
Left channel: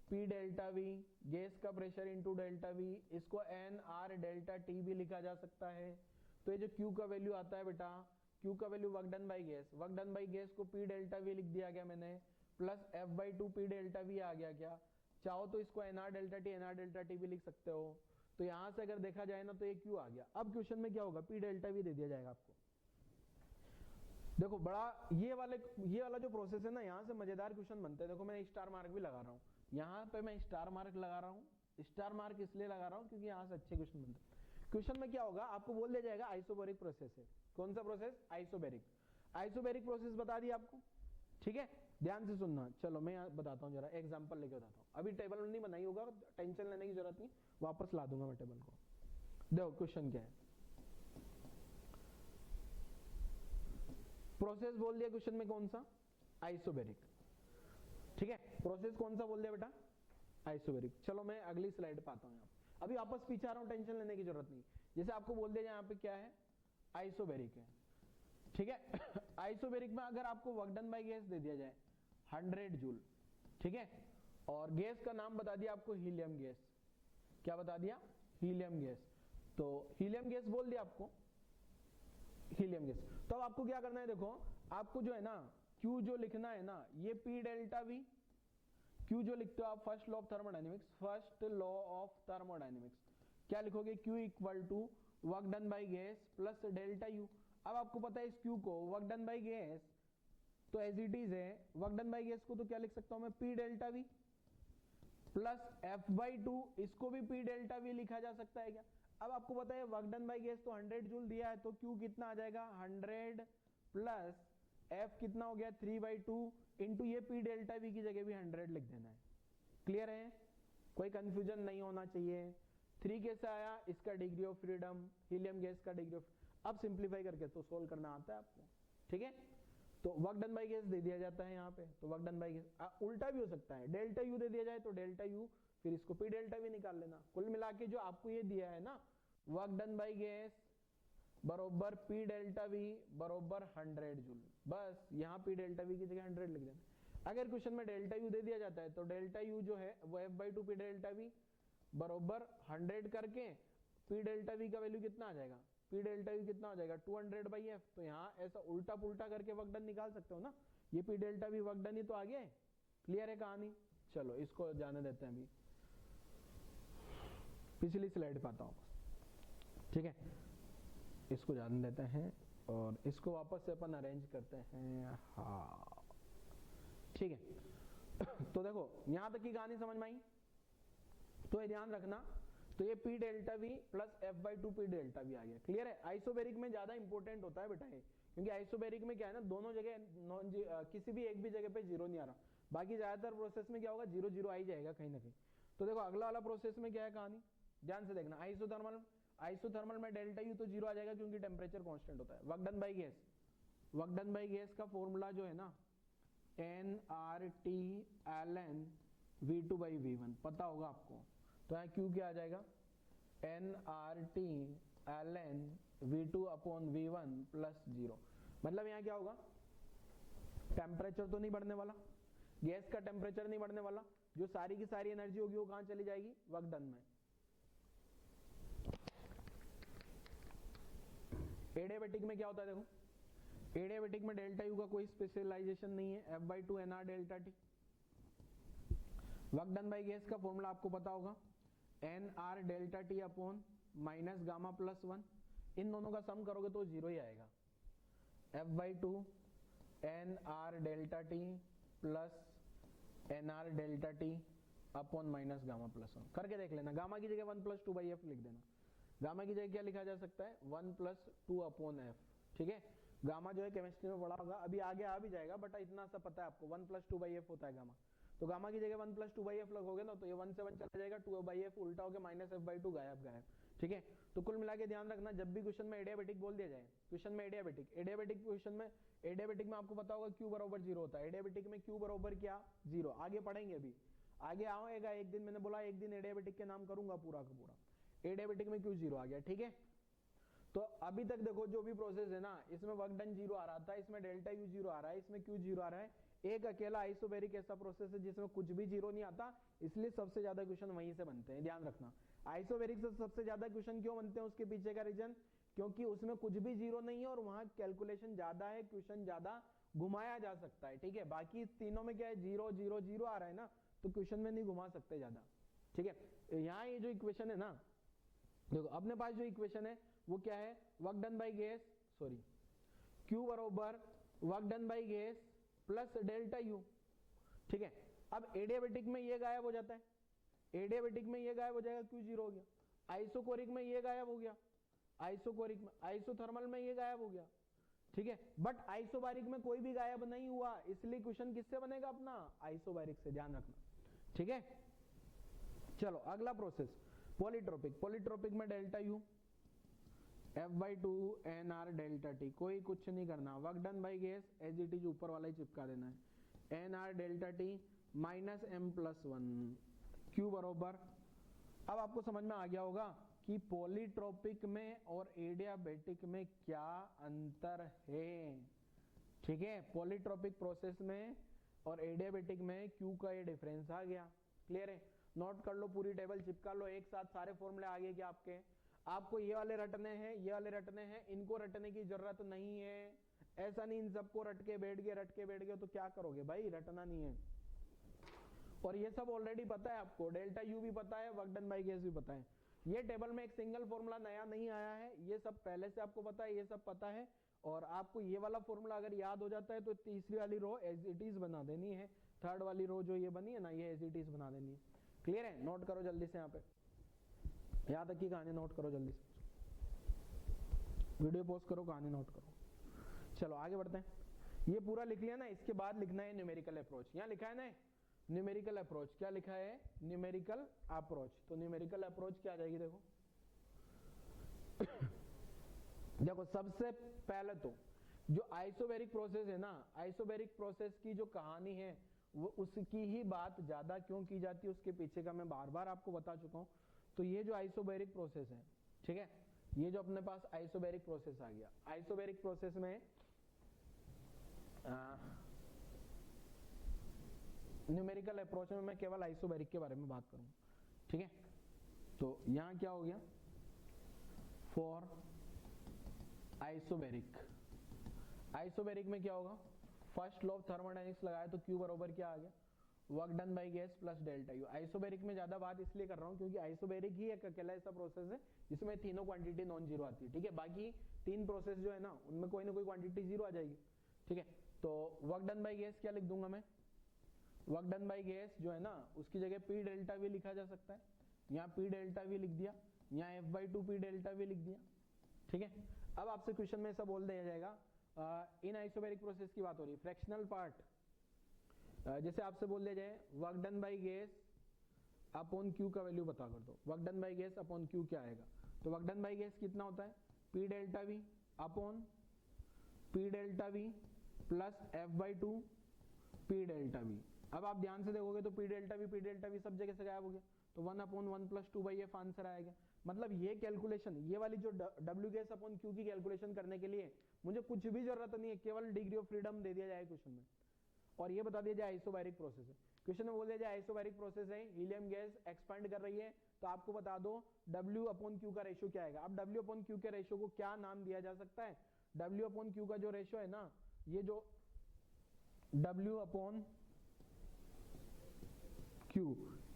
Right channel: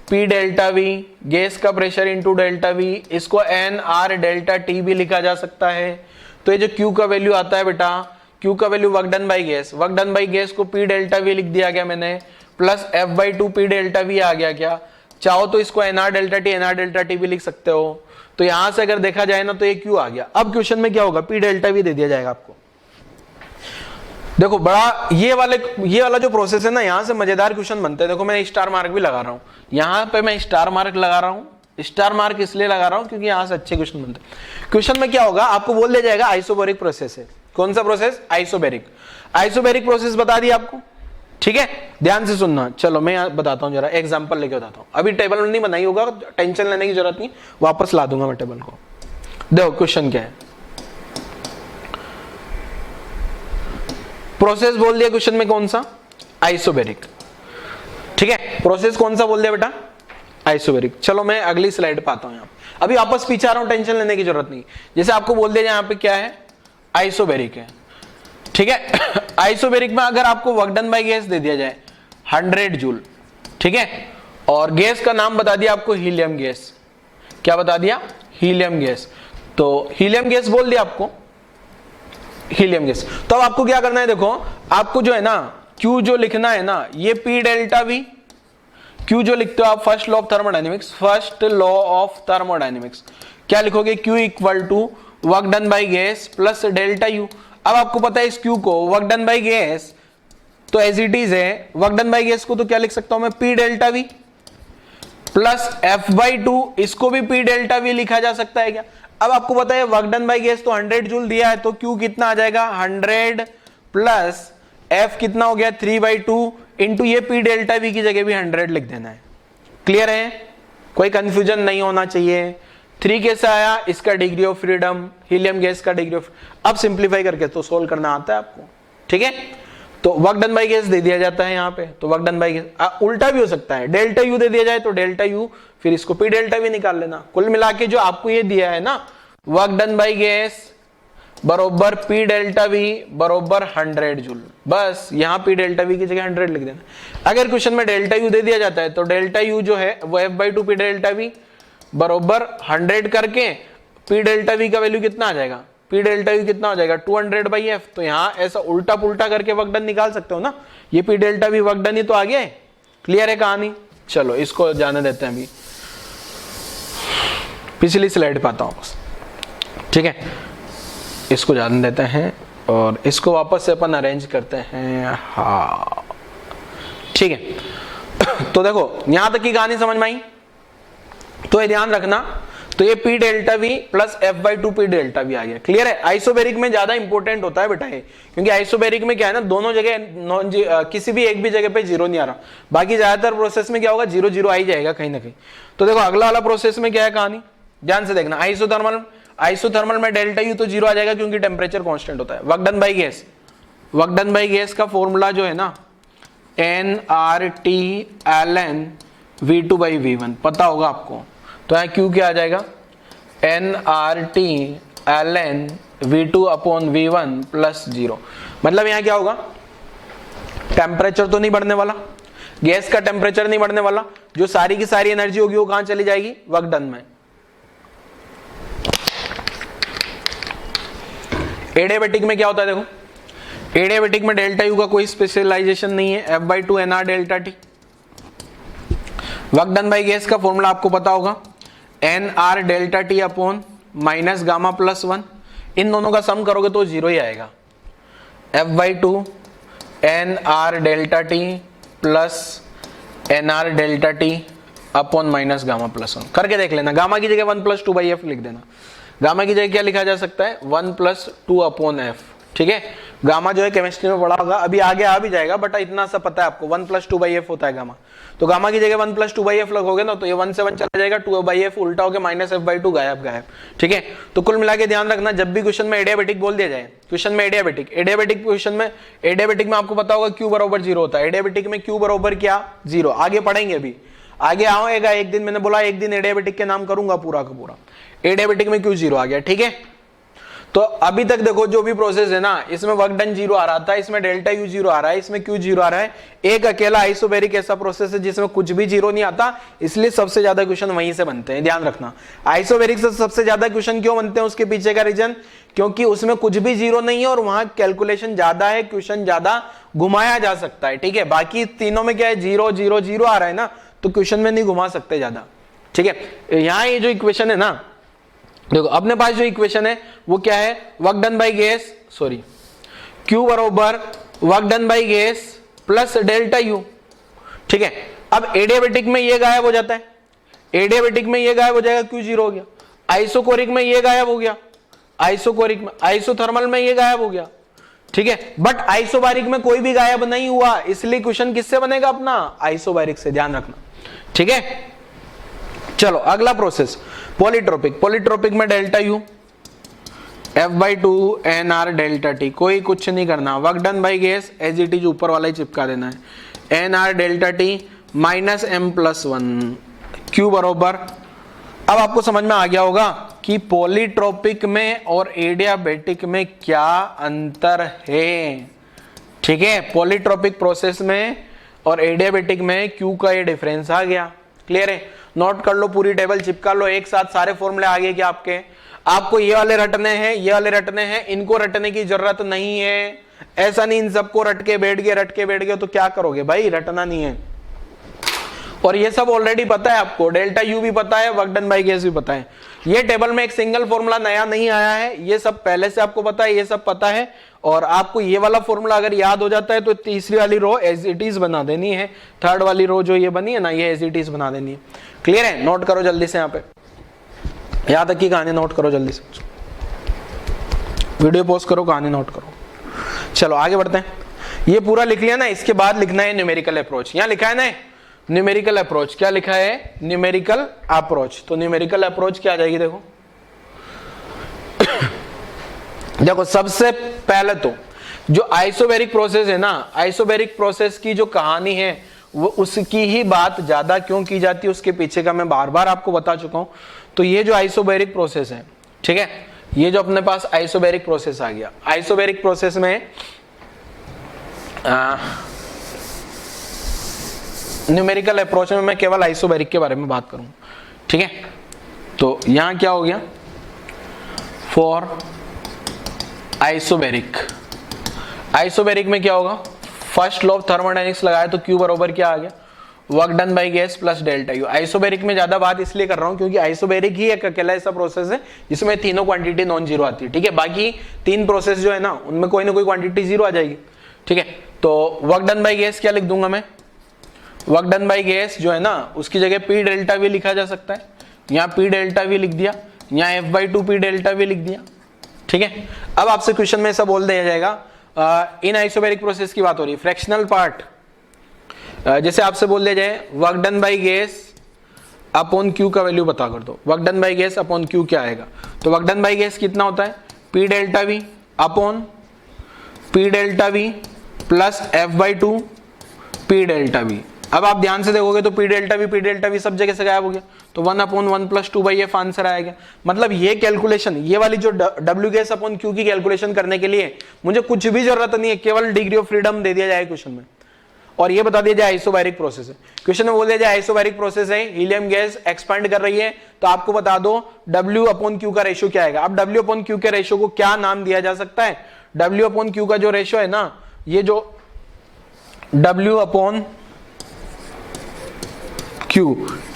P डेल्टा वी, गैस का प्रेशर इंटू डेल्टा वी, इसको NR डेल्टा टी भी लिखा जा सकता है। तो ये जो Q का वैल्यू आता है बेटा, Q का value work done by gas, work done by gas को P डेल्टा वी लिख दिया गया मैंने, plus F/2 P delta V आ गया क्या। चाहो तो इसको NR डेल्टा टी भी लिख सकते हो। तो यहां से अगर देखा जाए ना तो ये Q आ गया। अब क्वेश्चन में क्या होगा, P डेल्टा वी दे दिया जाएगा आपको। देखो बड़ा ये वाला जो प्रोसेस है ना, यहां से मजेदार क्वेश्चन बनते हैं। देखो मैं स्टार मार्क भी लगा रहा हूं, यहां पे मैं स्टार मार्क लगा रहा हूं। स्टार मार्क इसलिए लगा रहा हूं क्योंकि यहां से अच्छे क्वेश्चन बनते हैं। क्वेश्चन में क्या होगा, आपको बोल दिया जाएगा आइसोबेरिक प्रोसेस है। कौन सा प्रोसेस, आइसोबेरिक। आइसोबेरिक प्रोसेस बता दिया आपको, ठीक है, ध्यान से सुनना। चलो मैं बताता हूं, जरा एग्जांपल लेके बताता हूं। अभी टेबल नहीं बनाई होगा, टेंशन लेने की जरूरत नहीं, वापस ला दूंगा मैं टेबल को। देखो क्वेश्चन क्या है, प्रोसेस बोल दिया क्वेश्चन में कौन सा, आइसोबेरिक, ठीक है। प्रोसेस कौन सा बोल दिया बेटा, आइसोबेरिक। चलो मैं अगली स्लाइड पे आता हूं। यहाँ अभी वापस पीछे आ रहा हूं, टेंशन लेने की जरूरत नहीं। जैसे आपको बोल दिया यहाँ पे क्या है, आइसोबेरिक है, ठीक है। आइसोबेरिक में अगर आपको वर्क डन बाय गैस दे दिया जाए 100 जूल, ठीक है, और गैस का नाम बता दिया आपको हीलियम गैस। क्या बता दिया, हीलियम गैस। तो हीलियम गैस बोल दिया आपको, हीलियम गैस। तो अब आपको क्या करना है, देखो आपको जो है ना Q जो लिखना है ना, ये P डेल्टा V, Q जो लिखते हो आप first law of thermodynamics, first law of thermodynamics क्या लिखोगे, Q equal to work done by gas plus delta U। अब आपको पता है इस Q को वर्क डन बाय गैस तो एज इट इज है, वर्क डन बाय गैस को तो क्या लिख सकता हूं मैं, P delta V plus F/2, इसको भी P डेल्टा V लिखा जा सकता है क्या। अब आपको पता है वर्क डन बाय गैस तो 100 जूल दिया है, तो Q कितना आ जाएगा 100 प्लस F कितना हो गया 3/2 इंटू ये पी डेल्टा वी की जगह भी 100 लिख देना है। क्लियर है, कोई कंफ्यूजन नहीं होना चाहिए। 3 कैसे आया, इसका degree of freedom, helium gas का डिग्री ऑफ, अब सिंप्लीफाई करके तो सोल्व करना आता है आपको, ठीक है। तो वर्क डन बाय गैस दे दिया जाता है यहाँ पे, तो वर्क डन बाय गैस उल्टा भी हो सकता है, डेल्टा यू दे दिया जाए तो डेल्टा यू, फिर इसको पी डेल्टा वी निकाल लेना। कुल मिला के जो आपको ये दिया है ना, वर्क डन बाय गैस बरोबर पी डेल्टा वी बरोबर 100 जूल, बस यहाँ पी डेल्टा वी की जगह 100 लिख देना। अगर क्वेश्चन में डेल्टा यू दे दिया जाता है तो डेल्टा यू जो है वो f/2 पी डेल्टा वी बरोबर 100 करके पी डेल्टा वी का वैल्यू कितना आ जाएगा, पी डेल्टा वी कितना हो जाएगा 200/f। तो यहाँ ऐसा उल्टा पुल्टा करके वर्क डन निकाल सकते हो ना, ये P delta V work done ही तो आ गया है। क्लियर है कहानी, चलो इसको जाने देते हैं, अभी पिछली स्लाइड पे आता हूं बस, ठीक है, इसको जाने देते हैं और इसको वापस से अपन अरेंज करते हैं। हाँ ठीक है, तो देखो यहां तक की कहानी समझ में आई, तो ये ध्यान रखना, तो ये P delta V plus f/2 P delta V आ गया। क्लियर है, आइसोबेरिक में ज्यादा इंपॉर्टेंट होता है बेटा ये, क्योंकि आइसोबेरिक में क्या है ना, दोनों जगह किसी भी एक भी जगह पे जीरो नहीं आ रहा, बाकी ज्यादातर प्रोसेस में क्या होगा 0 0 आ ही जाएगा कहीं ना कहीं। तो देखो अगला वाला प्रोसेस में क्या है कहानी, ध्यान से देखना। आइसोथर्मल में डेल्टा यू तो 0 आ जाएगा क्योंकि टेम्परेचर कांस्टेंट होता है। Work done by gas, work done by gas का फॉर्मूला जो है ना nRT ln V2/V1 पता होगा आपको, तो यहाँ Q क्या आ जाएगा nRT ln V2/V1 प्लस 0। मतलब यहाँ क्या होगा, टेम्परेचर तो नहीं बढ़ने वाला, गैस का टेम्परेचर नहीं बढ़ने वाला, जो सारी की सारी एनर्जी होगी वो कहां चली जाएगी, वर्क डन में। एडियाबेटिक में क्या होता है, देखो एडियाबेटिक में डेल्टा यू का कोई स्पेशलाइजेशन नहीं है, f/2 nR delta T. Work done by gas का फॉर्मूला आपको पता होगा nR delta T upon minus gamma plus 1, इन दोनों का सम करोगे तो 0 ही आएगा। f/2 nR delta T plus nR delta T upon minus gamma plus 1 करके देख लेना। गामा की जगह 1 + 2/f लिख देना। गामा की जगह क्या लिखा जा सकता है 1 + 2/f, ठीक है। गामा जो है केमिस्ट्री में पढ़ा होगा, अभी आगे आ भी जाएगा, बट इतना सा पता है आपको 1 + 2/f होता है गामा। तो गामा की जगह 1 + 2/f लगोगे ना, तो ये 1 से 1 चला जाएगा, 2/f उल्टा होकर -f/2 गायब, ठीक है। तो कुल मिला के ध्यान रखना, जब भी क्वेश्चन में एडियाबेटिक बोल दिया जाए, क्वेश्चन में एडियाबेटिक क्वेश्चन में एडियाबेटिक में आपको पता होगा Q बराबर 0 होता है। एडियाबेटिक में Q बराबर क्या 0, आगे पढ़ेंगे, अभी आगे आएगा एक दिन, मैंने बोला एक दिन एडियाबेटिक के नाम करूंगा पूरा का पूरा। एडियाबेटिक में Q 0 आ गया, ठीक है। तो अभी तक देखो जो भी प्रोसेस है ना, इसमें वर्क डन 0 आ रहा था, इसमें डेल्टा यू 0 आ रहा है, इसमें Q 0 आ रहा है। एक अकेला आइसोबेरिक ऐसा प्रोसेस है जिसमें कुछ भी 0 नहीं आता, इसलिए सबसे ज्यादा क्वेश्चन वहीं से बनते हैं, ध्यान रखना। आइसोबेरिक से सबसे ज्यादा क्वेश्चन क्यों बनते हैं, उसके पीछे का रीजन, क्योंकि उसमें कुछ भी 0 नहीं है और वहां कैलकुलेशन ज्यादा है, क्वेश्चन ज्यादा घुमाया जा सकता है, ठीक है। बाकी तीनों में क्या है 0 0 0 आ रहा है ना, तो क्वेश्चन में नहीं घुमा सकते ज्यादा, ठीक है। यहाँ ये जो इक्वेशन है ना, देखो अपने पास जो इक्वेशन है वो क्या है, work done by gas, sorry Q बराबर work done by gas plus delta U, ठीक है। अब एडियाबेटिक में ये गायब हो जाता है, एडियाबेटिक में ये गायब हो जाएगा, Q 0 हो गया। आइसोकोरिक में ये गायब हो गया, आइसोकोरिक में, आइसोथर्मल में ये गायब हो गया, ठीक है। बट आइसोबारिक में कोई भी गायब नहीं हुआ, इसलिए क्वेश्चन किससे बनेगा अपना, आइसोबारिक से, ध्यान रखना, ठीक है। चलो अगला प्रोसेस पॉलीट्रोपिक। पॉलीट्रोपिक में delta U f/2 nR delta T, कोई कुछ नहीं करना। Work done by gas as it is ऊपर वाला ही चिपका देना है, nR delta T minus m + 1 Q बरोबर। अब आपको समझ में आ गया होगा कि पॉलीट्रोपिक में और एडियाबेटिक में क्या अंतर है, ठीक है। पॉलीट्रोपिक प्रोसेस में और एडियाबेटिक में Q का ये डिफरेंस आ गया, क्लियर है। नोट कर लो, पूरी टेबल चिपका लो, एक साथ सारे फॉर्मूले आगे क्या आपके, आपको ये वाले रटने हैं, ये वाले रटने हैं, इनको रटने की जरूरत नहीं है। ऐसा नहीं इन सबको रट के बैठ गए तो क्या करोगे भाई, रटना नहीं है। और ये सब ऑलरेडी पता है आपको, डेल्टा यू भी पता है, वर्क डन बाय गैस भी पता है। ये टेबल में एक सिंगल फॉर्मूला नया नहीं आया है, ये सब पहले से आपको पता है, ये सब पता है। और आपको ये वाला फॉर्मूला अगर याद हो जाता है तो तीसरी वाली रो एज इट इज बना देनी है, थर्ड वाली रो जो ये बनी है ना, ये एज इट इज बना देनी है। क्लियर है, नोट करो जल्दी से, यहाँ पे यहां तक की कहानी नोट करो जल्दी से, वीडियो पॉज करो, कहानी नोट करो। चलो आगे बढ़ते हैं। ये पूरा लिख लिया ना, इसके बाद लिखना है न्यूमेरिकल अप्रोच। यहां लिखा है ना न्यूमेरिकल अप्रोच, क्या लिखा है? Numerical approach. तो न्यूमेरिकल अप्रोच क्या आ जाएगी? देखो देखो सबसे पहले तो जो आइसोबैरिक प्रोसेस है ना, आइसोबैरिक प्रोसेस की जो कहानी है वो उसकी ही बात ज्यादा क्यों की जाती है उसके पीछे का मैं बार बार आपको बता चुका हूं। तो ये जो आइसोबैरिक प्रोसेस है, ठीक है, ये जो अपने पास आइसोबैरिक प्रोसेस आ गया, आइसोबैरिक प्रोसेस में न्यूमेरिकल अप्रोच में मैं केवल आइसोबैरिक के बारे में बात करूं, ठीक है। तो यहां क्या हो गया? फॉर आइसोबैरिक, आइसोबैरिक में क्या होगा? फर्स्ट लॉ ऑफ थर्मोडायनेमिक्स लगाया तो Q बराबर क्या आ गया? Work done by gas plus delta U. Isobaric में ज्यादा बात इसलिए कर रहा हूं क्योंकि आइसोबैरिक ही एक अकेला ऐसा प्रोसेस है जिसमें तीनों क्वांटिटी नॉन जीरो आती है, ठीक है। बाकी तीन प्रोसेस जो है ना उनमें कोई ना कोई क्वांटिटी जीरो आ जाएगी, ठीक है। तो वर्क डन बाय गैस क्या लिख दूंगा मैं? वर्क डन बाय गैस जो है ना उसकी जगह P डेल्टा वी लिखा जा सकता है। यहाँ P डेल्टा वी लिख दिया, यहाँ F/2 P डेल्टा वी लिख दिया, ठीक है। अब आपसे क्वेश्चन में ऐसा बोल दिया जाएगा इन आइसोबैरिक प्रोसेस की बात हो रही है, फ्रैक्शनल पार्ट जैसे आपसे बोल दिया जाए work done by gas upon Q का वैल्यू बता कर दो। Work done by gas upon Q क्या आएगा? तो वर्क डन बाय गैस कितना होता है? P delta we upon P delta V plus F/2 P delta we. अब आप ध्यान से देखोगे तो P डेल्टा वी सब जगह से गायब हो गया, तो 1/1 + 2/f आंसर आएगा। मतलब ये कैलकुलेशन, ये वाली जो W गैस अपॉन Q की कैलकुलेशन करने के लिए मुझे कुछ भी जरूरत नहीं है, केवल डिग्री ऑफ फ्रीडम दे दिया जाए क्वेश्चन में और ये बता दिया जाए आइसोबैरिक प्रोसेस है। क्वेश्चन में बोल दिया जाए आइसोबैरिक प्रोसेस है, हीलियम गैस एक्सपेंड कर रही है, तो आपको बता दो W अपॉन Q का रेशियो क्या आएगा। अब W अपॉन Q के रेशियो को क्या नाम दिया जा सकता है? W अपॉन Q का जो रेशियो है ना, ये जो W अपॉन Q,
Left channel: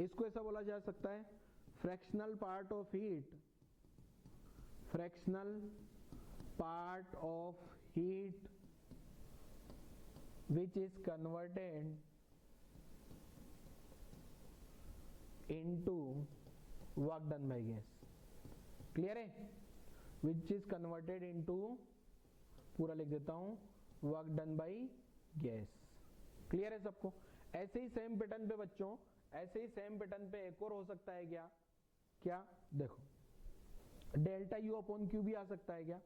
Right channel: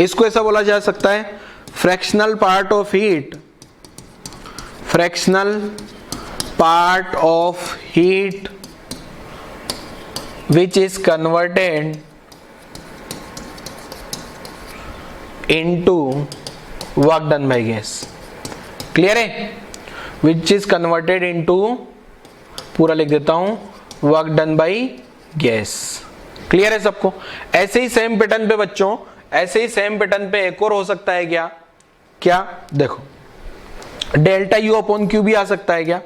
इसको ऐसा बोला जा सकता है fractional part of heat, fractional part of heat which is converted into work done by gas। Clear है? which is converted into, पूरा लिख देता हूं, work done by gas। Clear है सबको? ऐसे ही सेम पैटर्न पे बच्चों, ऐसे ही सेम पैटर्न पे एक और हो सकता है क्या? क्या देखो डेल्टा यू अपॉन क्यू भी आ सकता है क्या?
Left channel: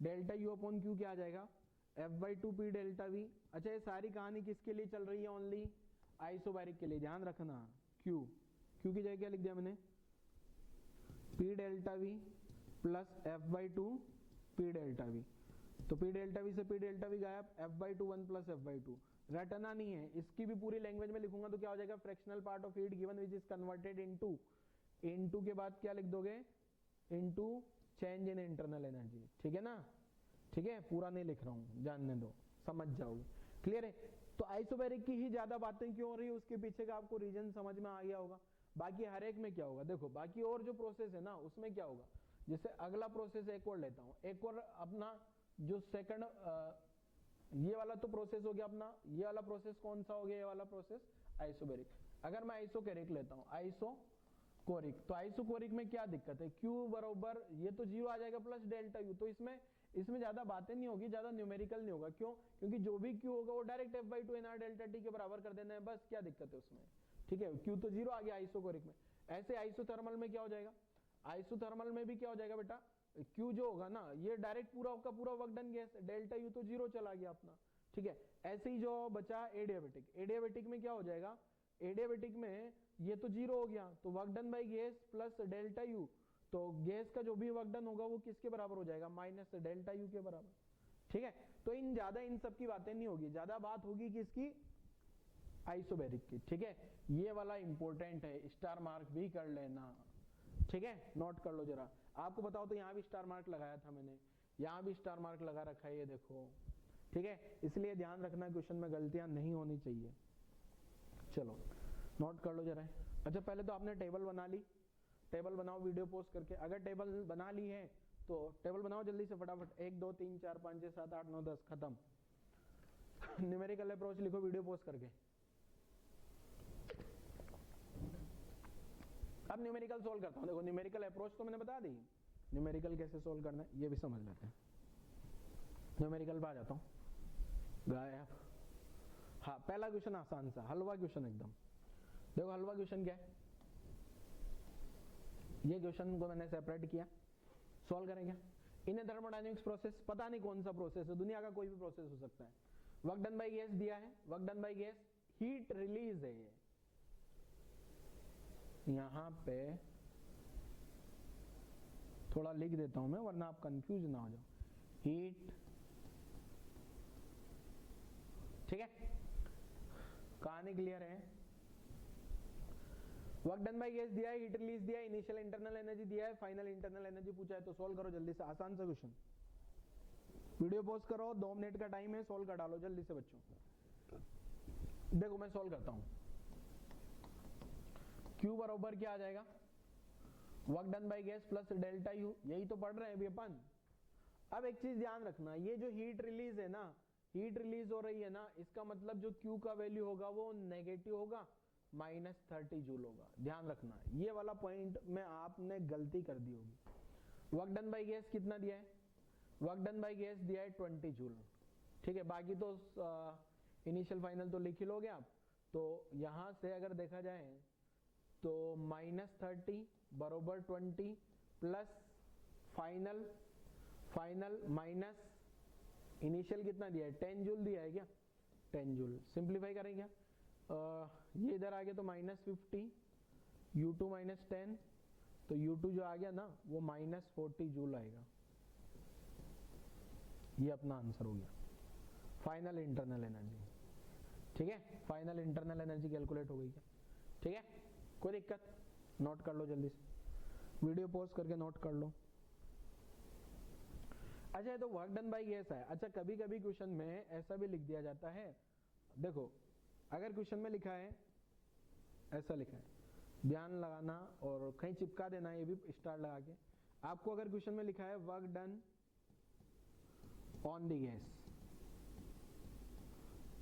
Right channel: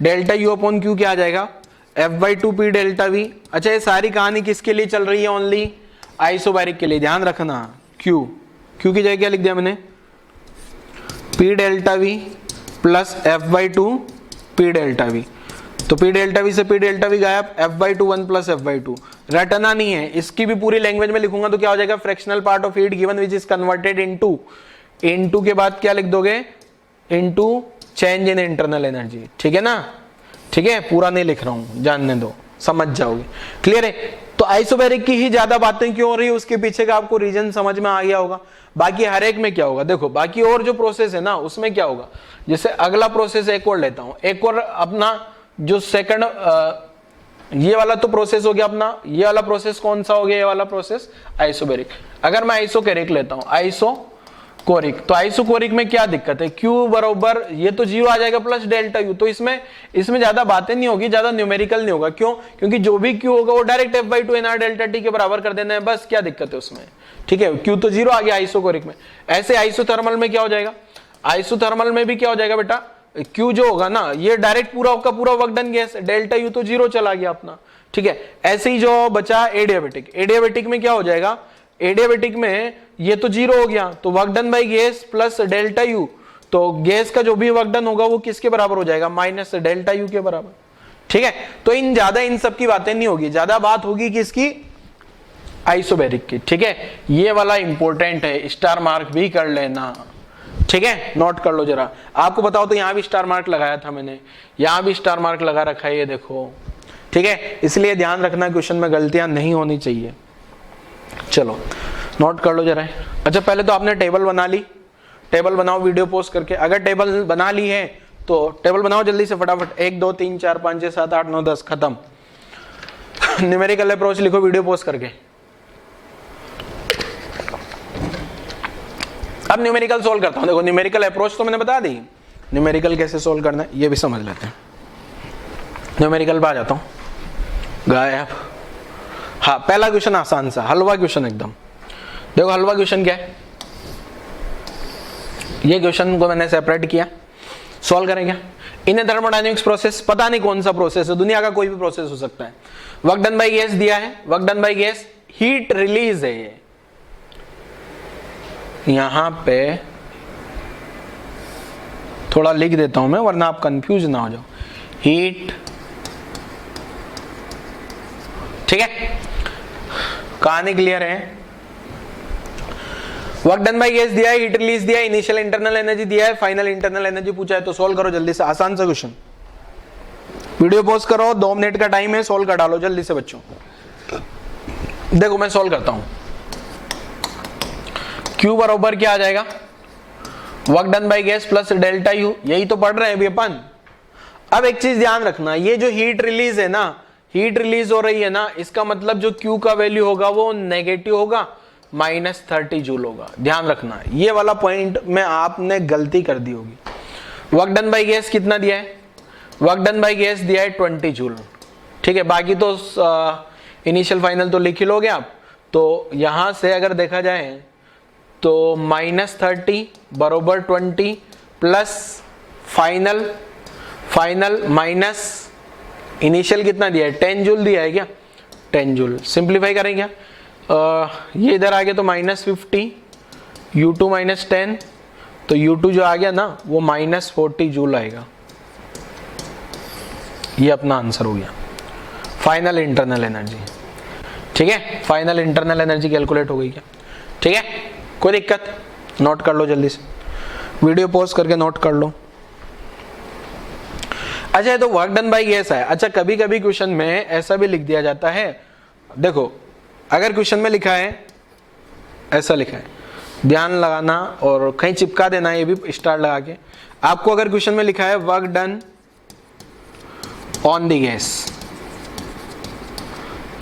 डेल्टा यू अपॉन क्यू क्या आ जाएगा? F/2 P delta we. अच्छा ये सारी कहानी किसके लिए चल रही है? ओनली आइसोबैरिक के लिए, ध्यान रखना। Q की जगह क्या लिख दिया मैंने? P delta V plus F/2 P delta we. तो P डेल्टा वी से P डेल्टा वी गायब, F/2 1 + F/2 रटना नहीं है, इसकी भी पूरी लैंग्वेज में लिखूंगा तो क्या हो जाएगा? Fractional part of heat given which is converted into के बाद क्या लिख दोगे? Into change in internal energy, ठीक है ना? ठीक है, पूरा नहीं लिख रहा हूं, जानने दो, समझ जाओगे। क्लियर है? तो आइसोबैरिक की ही ज्यादा बातें क्यों हो रही है उसके पीछे का आपको रीजन समझ में आ गया होगा। बाकी हर एक में क्या होगा देखो, बाकी और जो प्रोसेस है ना उसमें क्या होगा, जैसे अगला प्रोसेस एक और लेता हूं, एक और अपना जो सेकंड, ये वाला तो प्रोसेस हो गया अपना, ये वाला प्रोसेस कौन सा हो गया? ये वाला प्रोसेस आइसोबैरिक। अगर मैं आइसोकैरिक लेता हूं, आइसोकोरिक, तो आइसोकोरिक में क्या दिक्कत है? Q बराबर ये तो जीरो आ जाएगा प्लस डेल्टा यू, तो इसमें ज्यादा बातें नहीं होगी, ज्यादा न्यूमेरिकल नहीं होगा। क्यों? क्योंकि जो भी Q होगा वो direct F/2 NR delta T के बराबर कर देना है, बस क्या दिक्कत है उसमें? ठीक है, Q तो जीरो आ गया आइसोकोरिक में। ऐसे आइसोथर्मल में क्या हो जाएगा? आइसोथर्मल में भी क्या हो जाएगा बेटा? Q जो होगा ना ये डायरेक्ट पूरा का पूरा work done gas, delta U तो जीरो चला गया अपना, ठीक है। ऐसे ही जो बचा एडियाबेटिक, एडियाबेटिक में क्या हो जाएगा? एडियाबेटिक में ये तो जीरो हो गया, तो work done by gas plus delta U, तो गैस का जो भी वर्क डन होगा वो किसके बराबर हो जाएगा? माइनस डेल्टा यू के बराबर, ठीक है। तो इन सब की बातें नहीं होगी, ज्यादा बात होगी किसकी? आइसोबैरिक की, ठीक है। ये वाला इंपॉर्टेंट है, स्टार मार्क भी कर लेना, ठीक है, नोट कर लो जरा। आपको बताओ तो यहां भी स्टार मार्क लगाया था मैंने, यहां भी स्टार मार्क लगा रखा है, ये देखो, ठीक है। इसलिए ध्यान रखना क्वेश्चन में गलतियां नहीं होनी चाहिए। चलो नोट कर लो जरा। अच्छा पहले तो आपने टेबल बना ली, टेबल बनाओ वीडियो पोस्ट करके। अगर टेबल बना ली है तो टेबल बनाओ जल्दी से फटाफट, 1 2 3 4 5 6 7 8 9 10 खत्म। न्यूमेरिकल अप्रोच लिखो वीडियो पोस्ट करके। अब न्यूमेरिकल सोल्व करता हूं। देखो न्यूमेरिकल अप्रोच तो मैंने बता दी, न्यूमेरिकल कैसे सोल्व करना है ये भी समझ लेते हैं। न्यूमेरिकल पे आ जाता हूं। गायब। हाँ, पहला क्वेश्चन आसान सा, हलवा क्वेश्चन एकदम। देखो हलवा क्वेश्चन क्या है, ये क्वेश्चन को मैंने सेपरेट किया, सॉल्व करेंगे। इन थर्मोडायनेमिक्स प्रोसेस, पता नहीं कौन सा प्रोसेस है, दुनिया का कोई भी प्रोसेस हो सकता है। वर्क डन बाय गैस दिया है, work done by gas, heat release है ये। यहां पे थोड़ा लिख देता हूं मैं, वरना आप कंफ्यूज ना हो जाओ। हीट, ठीक है, कहानी क्लियर है। वर्क डन बाय गैस दिया है, हीट रिलीज दिया है, इनिशियल इंटरनल एनर्जी दिया है, फाइनल इंटरनल एनर्जी पूछा है, तो सोल्व करो जल्दी से, आसान सा क्वेश्चन। वीडियो पॉज करो, 2 मिनट का टाइम है, सोल्व कर डालो जल्दी से बच्चों। देखो मैं सोल्व करता हूं। Q बराबर क्या आ जाएगा, work done by gas plus delta U, यही तो पढ़ रहे हैं अभी अपन। अब एक चीज ध्यान रखना, ये जो हीट रिलीज है ना, हीट रिलीज हो रही है ना, इसका मतलब जो Q का वैल्यू होगा वो नेगेटिव होगा, -30 जूल होगा। ध्यान रखना, ये वाला पॉइंट में आपने गलती कर दी होगी। वर्क डन बाय गैस कितना दिया है, वर्क डन बाय गैस दिया है 20 जूल, ठीक है। बाकी तो इनिशियल फाइनल तो लिख ही लोगे आप। तो यहां से अगर देखा जाए तो -30 बरोबर 20 प्लस फाइनल माइनस इनिशियल कितना दिया है, 10 जूल दिया है क्या, 10 जूल। सिंप्लीफाई करेंगे ये इधर आ गया तो -50, U2 -10, तो U2 जो आ गया ना वो -40 जूल आएगा। ये अपना आंसर हो गया, फाइनल इंटरनल एनर्जी, ठीक है। फाइनल इंटरनल एनर्जी कैलकुलेट हो गई क्या, ठीक है। कोई दिक्कत, नोट कर लो जल्दी से, वीडियो पॉज करके नोट कर लो। अच्छा, ये तो वर्क डन बाय गैस है। अच्छा, कभी कभी क्वेश्चन में ऐसा भी लिख दिया जाता है, देखो अगर क्वेश्चन में लिखा है, ऐसा लिखा है, ध्यान लगाना और कहीं चिपका देना, ये भी स्टार लगा के। आपको अगर क्वेश्चन में लिखा है work done on the gas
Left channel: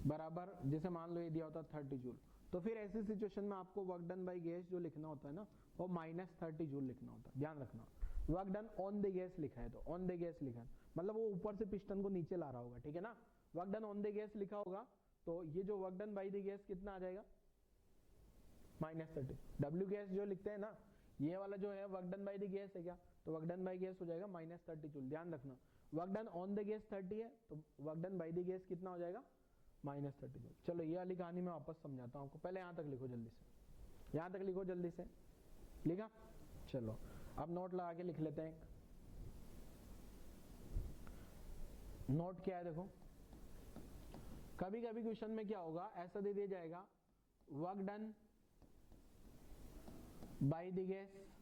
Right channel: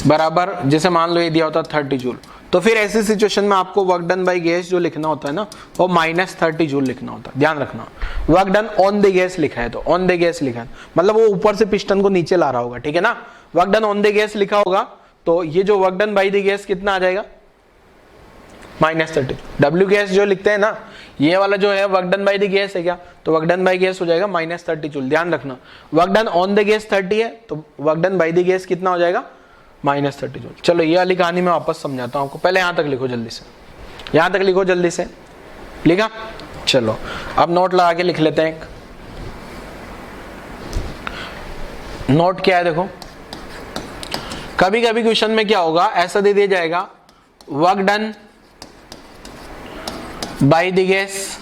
बराबर, जैसे मान लो ये दिया होता 30 जूल, तो फिर ऐसी सिचुएशन में आपको वर्क डन बाय गैस जो लिखना होता है ना, वो -30 जूल लिखना होता है। ध्यान रखना, work done on the gas लिखा है तो ऑन द गैस लिखा है, मतलब वो ऊपर से पिस्टन को नीचे ला रहा होगा, ठीक है ना। Work done on the gas लिखा होगा तो ये जो work done by the gas कितना आ जाएगा, -30। डब्ल्यू गैस जो लिखते हैं ना, ये वाला जो है work done by the gas है क्या, तो वर्क डन बाय गैस हो जाएगा -30 जूल। ध्यान रखना, work done on the gas 30 है तो work done by the gas कितना हो जाएगा, -30 जूल। चलो ये वाली कहानी मैं वापस समझाता हूं आपको, पहले यहां तक लिखो जल्दी से, यहां तक लिखो जल्दी से, लिखा। चलो अब नोट लगा के लिख लेते हैं। एक नोट क्या है, देखो कभी कभी क्वेश्चन में क्या होगा, ऐसा दे दिया जाएगा work done by the gas,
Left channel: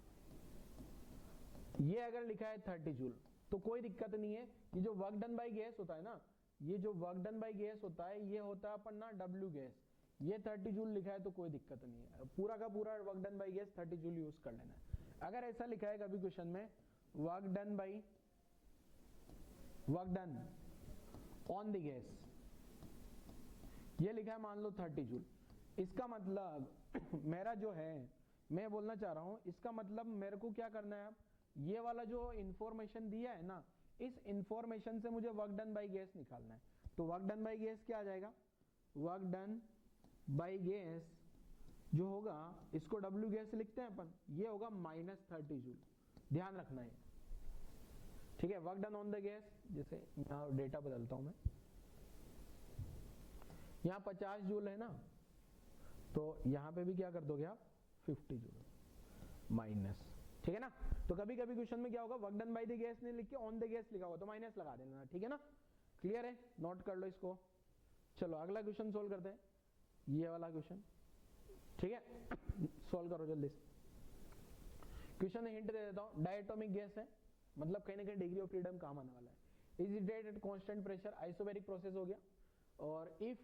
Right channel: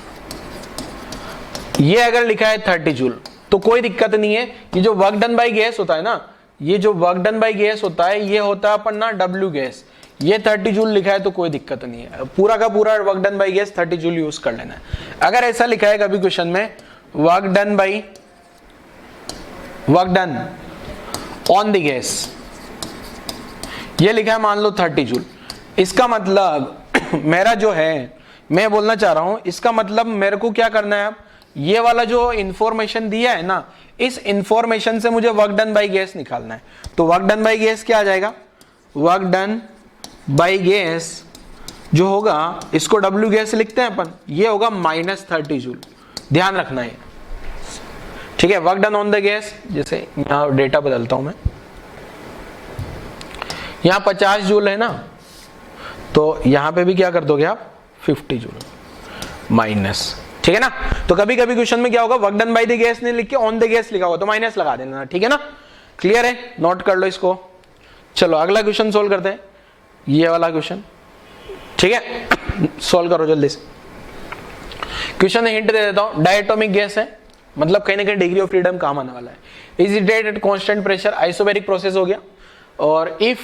ये अगर लिखा है 30 जूल तो कोई दिक्कत नहीं है। ये जो वर्क डन बाय गैस होता है ना, ये जो वर्क डन बाय गैस होता है, ये होता है अपन ना डब्ल्यू गैस, ये 30 जूल लिखा है तो कोई दिक्कत नहीं है, पूरा का पूरा work done by gas 30 joule use कर लेना है। अगर ऐसा लिखा है कभी क्वेश्चन में work done on the gas, ये लिखा है मान लो 30 जूल, इसका मतलब मेरा जो है, मैं बोलना चाह रहा हूं, इसका मतलब मेरे को क्या करना है, अब ये वाला जो इंफॉर्मेशन दिया है ना, इस इंफॉर्मेशन से मुझे वर्क डन बाय गैस निकालना है। तो वर्क डन बाय गैस क्या आ जाएगा, वर्क डन बाय गैस जो होगा, इसको डब्ल्यू गैस लिखते हैं अपन, ये होगा -30 जूल। ध्यान रखना है, ठीक है। Work done on the gas, जैसे यहां डेटा बदलता हूं मैं, यहां 50 जूल है ना, तो यहां पे भी क्या कर दोगे आप, 50 जूल माइनस, ठीक है ना। तो कभी कभी क्वेश्चन में क्या होगा, work done by the gas नहीं लिख के ऑन द गैस लिखा होगा तो माइनस लगा देना, ठीक है ना। क्लियर है, नोट कर लो इसको। चलो अगला क्वेश्चन सोल्व करते हैं, ये वाला क्वेश्चन, ठीक है। सोल्व करो जल्दी से। क्वेश्चन हिंट दे देता हूं, डायटोमिक गैस है, मतलब कहीं ना कहीं डिग्री ऑफ फ्रीडम काम आने वाला है। Is it at constant pressure, isobaric process हो गया, और if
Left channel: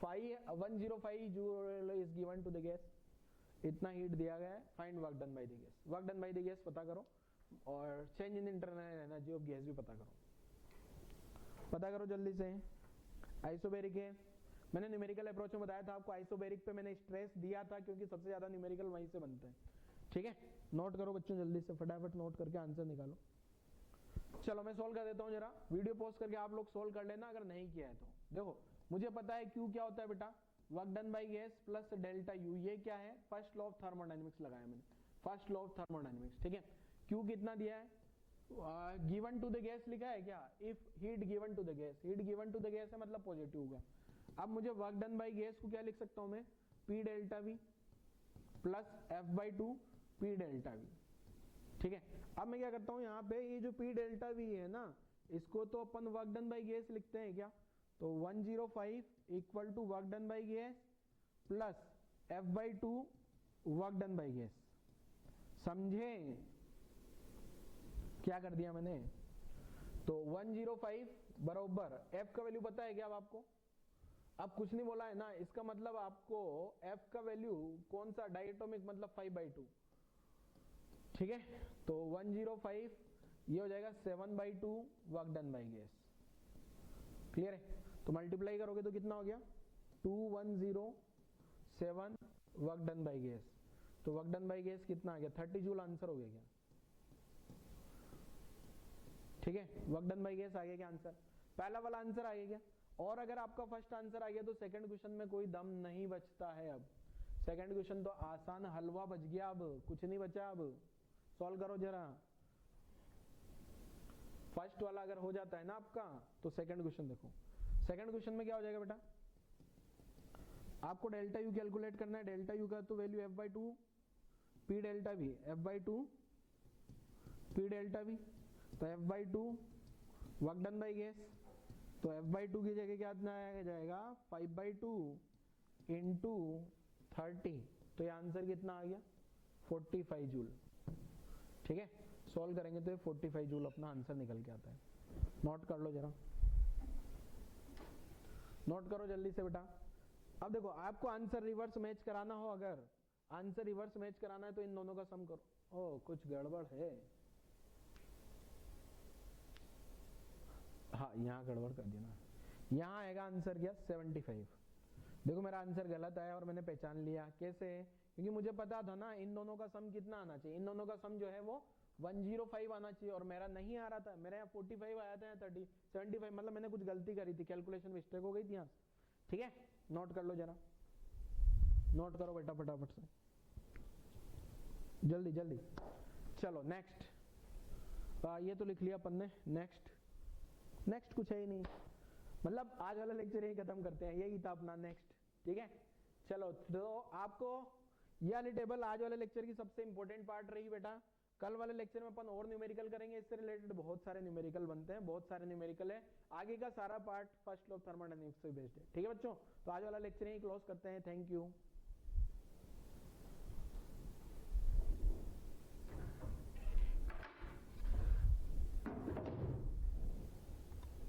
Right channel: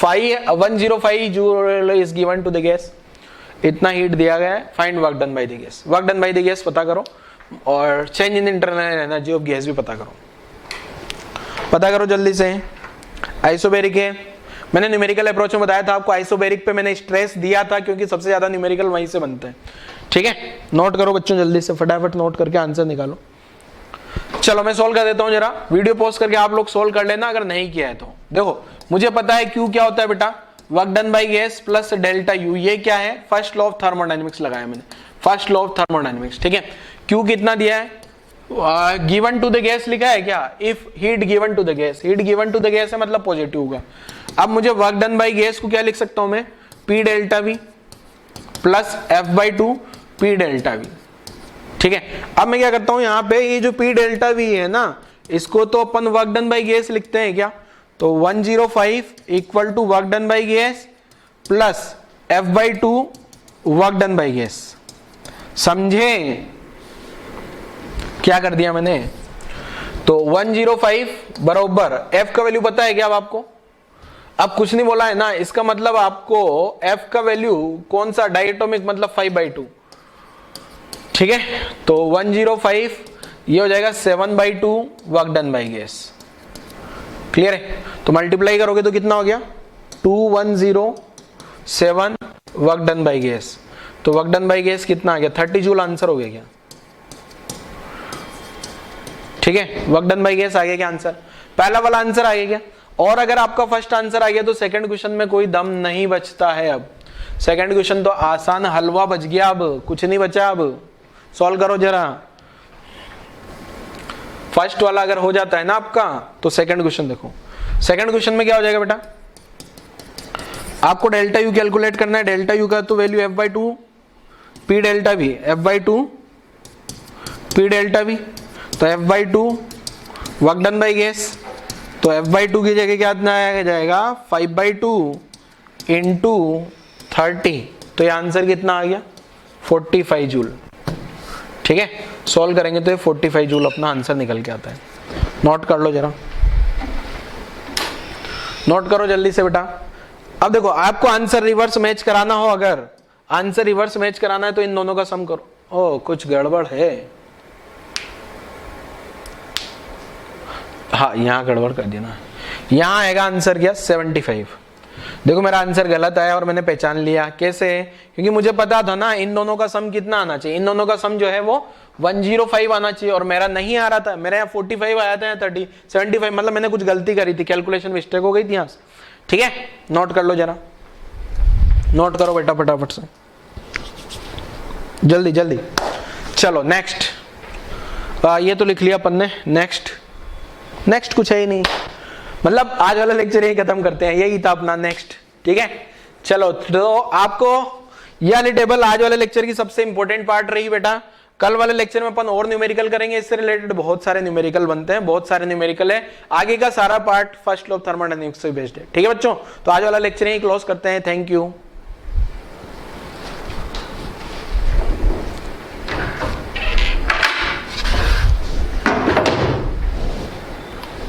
105 joule is given to the gas, इतना हीट दिया गया है, find work done by the gas. Work done by the gas पता करो और change in internal energy of gas भी पता करो जल्दी से। आइसोबैरिक है, मैंने न्यूमेरिकल अप्रोच में बताया था आपको, आइसोबैरिक पे मैंने स्ट्रेस दिया था क्योंकि सबसे ज्यादा न्यूमेरिकल वहीं से बनते हैं, ठीक है। नोट करो बच्चों जल्दी से, फटाफट नोट करके आंसर निकालो। चलो मैं सोल्व कर देता हूं, जरा वीडियो पॉज करके आप लोग सोल्व कर लेना अगर नहीं किया है तो। देखो मुझे पता है Q क्या होता है बेटा, work done by gas plus delta U। ये क्या है, फर्स्ट लॉ ऑफ थर्मोडायनेमिक्स लगाया मैंने, फर्स्ट लॉ ऑफ थर्मोडायनेमिक्स, ठीक है। Q कितना दिया है, गिवन टू द गैस लिखा है क्या, if heat given to the gas, heat given to the gas है मतलब पॉजिटिव होगा। अब मुझे वर्क डन बाय गैस को क्या लिख सकता हूं मैं, P delta V plus F/2 P delta V, ठीक है। अब मैं क्या करता हूं, यहाँ पे ये जो P डेल्टा V है ना, इसको तो अपन वर्क डन बाय गैस लिखते हैं क्या, तो 105 equal to work done by gas plus F/2 work done by gas. समझे क्या कर दिया मैंने, तो 105 बराबर F का वैल्यू पता है क्या अब आपको, अब कुछ नहीं बोला है ना, इसका मतलब आपको F का वैल्यू कौन सा, डायटोमिक मतलब 5/2, ठीक है। तो 105 ये हो जाएगा 7/2 work done by gas, clear है। तो मल्टीप्लाई करोगे तो कितना हो गया, 2107 वर्क डन बाय गैस। तो वर्क डन बाय गैस कितना आ गया, 30 जूल आंसर हो गया क्या, ठीक है। वर्क डन बाय गैस आ गया क्या आंसर, पहला वाला आंसर आ गया क्या। और अगर आपका फर्स्ट आंसर आ गया तो सेकंड क्वेश्चन में कोई दम नहीं बचता है। अब सेकंड क्वेश्चन तो आसान हलवा बच गया, अब कुछ नहीं बचा। अब सॉल्व करो जरा, फर्स्ट वाला अगर हो जाता है ना आपका तो सेकंड क्वेश्चन देखो। सेकंड क्वेश्चन में क्या हो जाएगा बेटा, आपको डेल्टा यू कैलकुलेट करना है। डेल्टा यू का तो value F/2 P delta V, F/2 P delta V, तो F/2 work done by gas, तो F/2 की जगह क्या आ जाएगा 5/2 इंटू 30, तो ये आंसर कितना आ गया 45 जूल, ठीक है। सॉल्व करेंगे तो ये 45 जूल अपना आंसर निकल के आता है। नोट कर लो जरा, नोट करो जल्दी से बेटा। अब देखो आपको आंसर रिवर्स मैच कराना हो, अगर आंसर रिवर्स मैच कराना है तो इन दोनों का सम करो। ओ कुछ गड़बड़ है, हाँ यहाँ गड़बड़ कर दिया ना, यहाँ आएगा आंसर क्या 75। देखो मेरा आंसर गलत आया और मैंने पहचान लिया, कैसे, क्योंकि मुझे पता था ना इन दोनों का सम कितना आना चाहिए, इन दोनों का सम जो है वो 105 आना चाहिए, और मेरा नहीं आ रहा था, मेरे यहाँ 45 आया था, 30 75, मतलब मैंने कुछ गलती करी थी, कैलकुलेशन मिस्टेक हो गई थी यहाँ से, ठीक है। नोट कर लो जरा, नोट करो बेटा फटाफट से, जल्दी जल्दी। चलो नेक्स्ट, ये तो लिख लिया अपन ने, नेक्स्ट नेक्स्ट कुछ है ही नहीं, मतलब आज वाला लेक्चर यही खत्म करते हैं, यही था अपना नेक्स्ट, ठीक है। चलो तो आपको ये वाली टेबल आज वाले लेक्चर की सबसे इंपॉर्टेंट पार्ट रही बेटा। कल वाले लेक्चर में अपन और न्यूमेरिकल करेंगे, इससे रिलेटेड बहुत सारे न्यूमेरिकल बनते हैं, बहुत सारे न्यूमेरिकल है, आगे का सारा part first law of thermodynamics से बेस्ड है, ठीक है बच्चों। तो आज वाला लेक्चर यही क्लोज करते हैं, थैंक यू।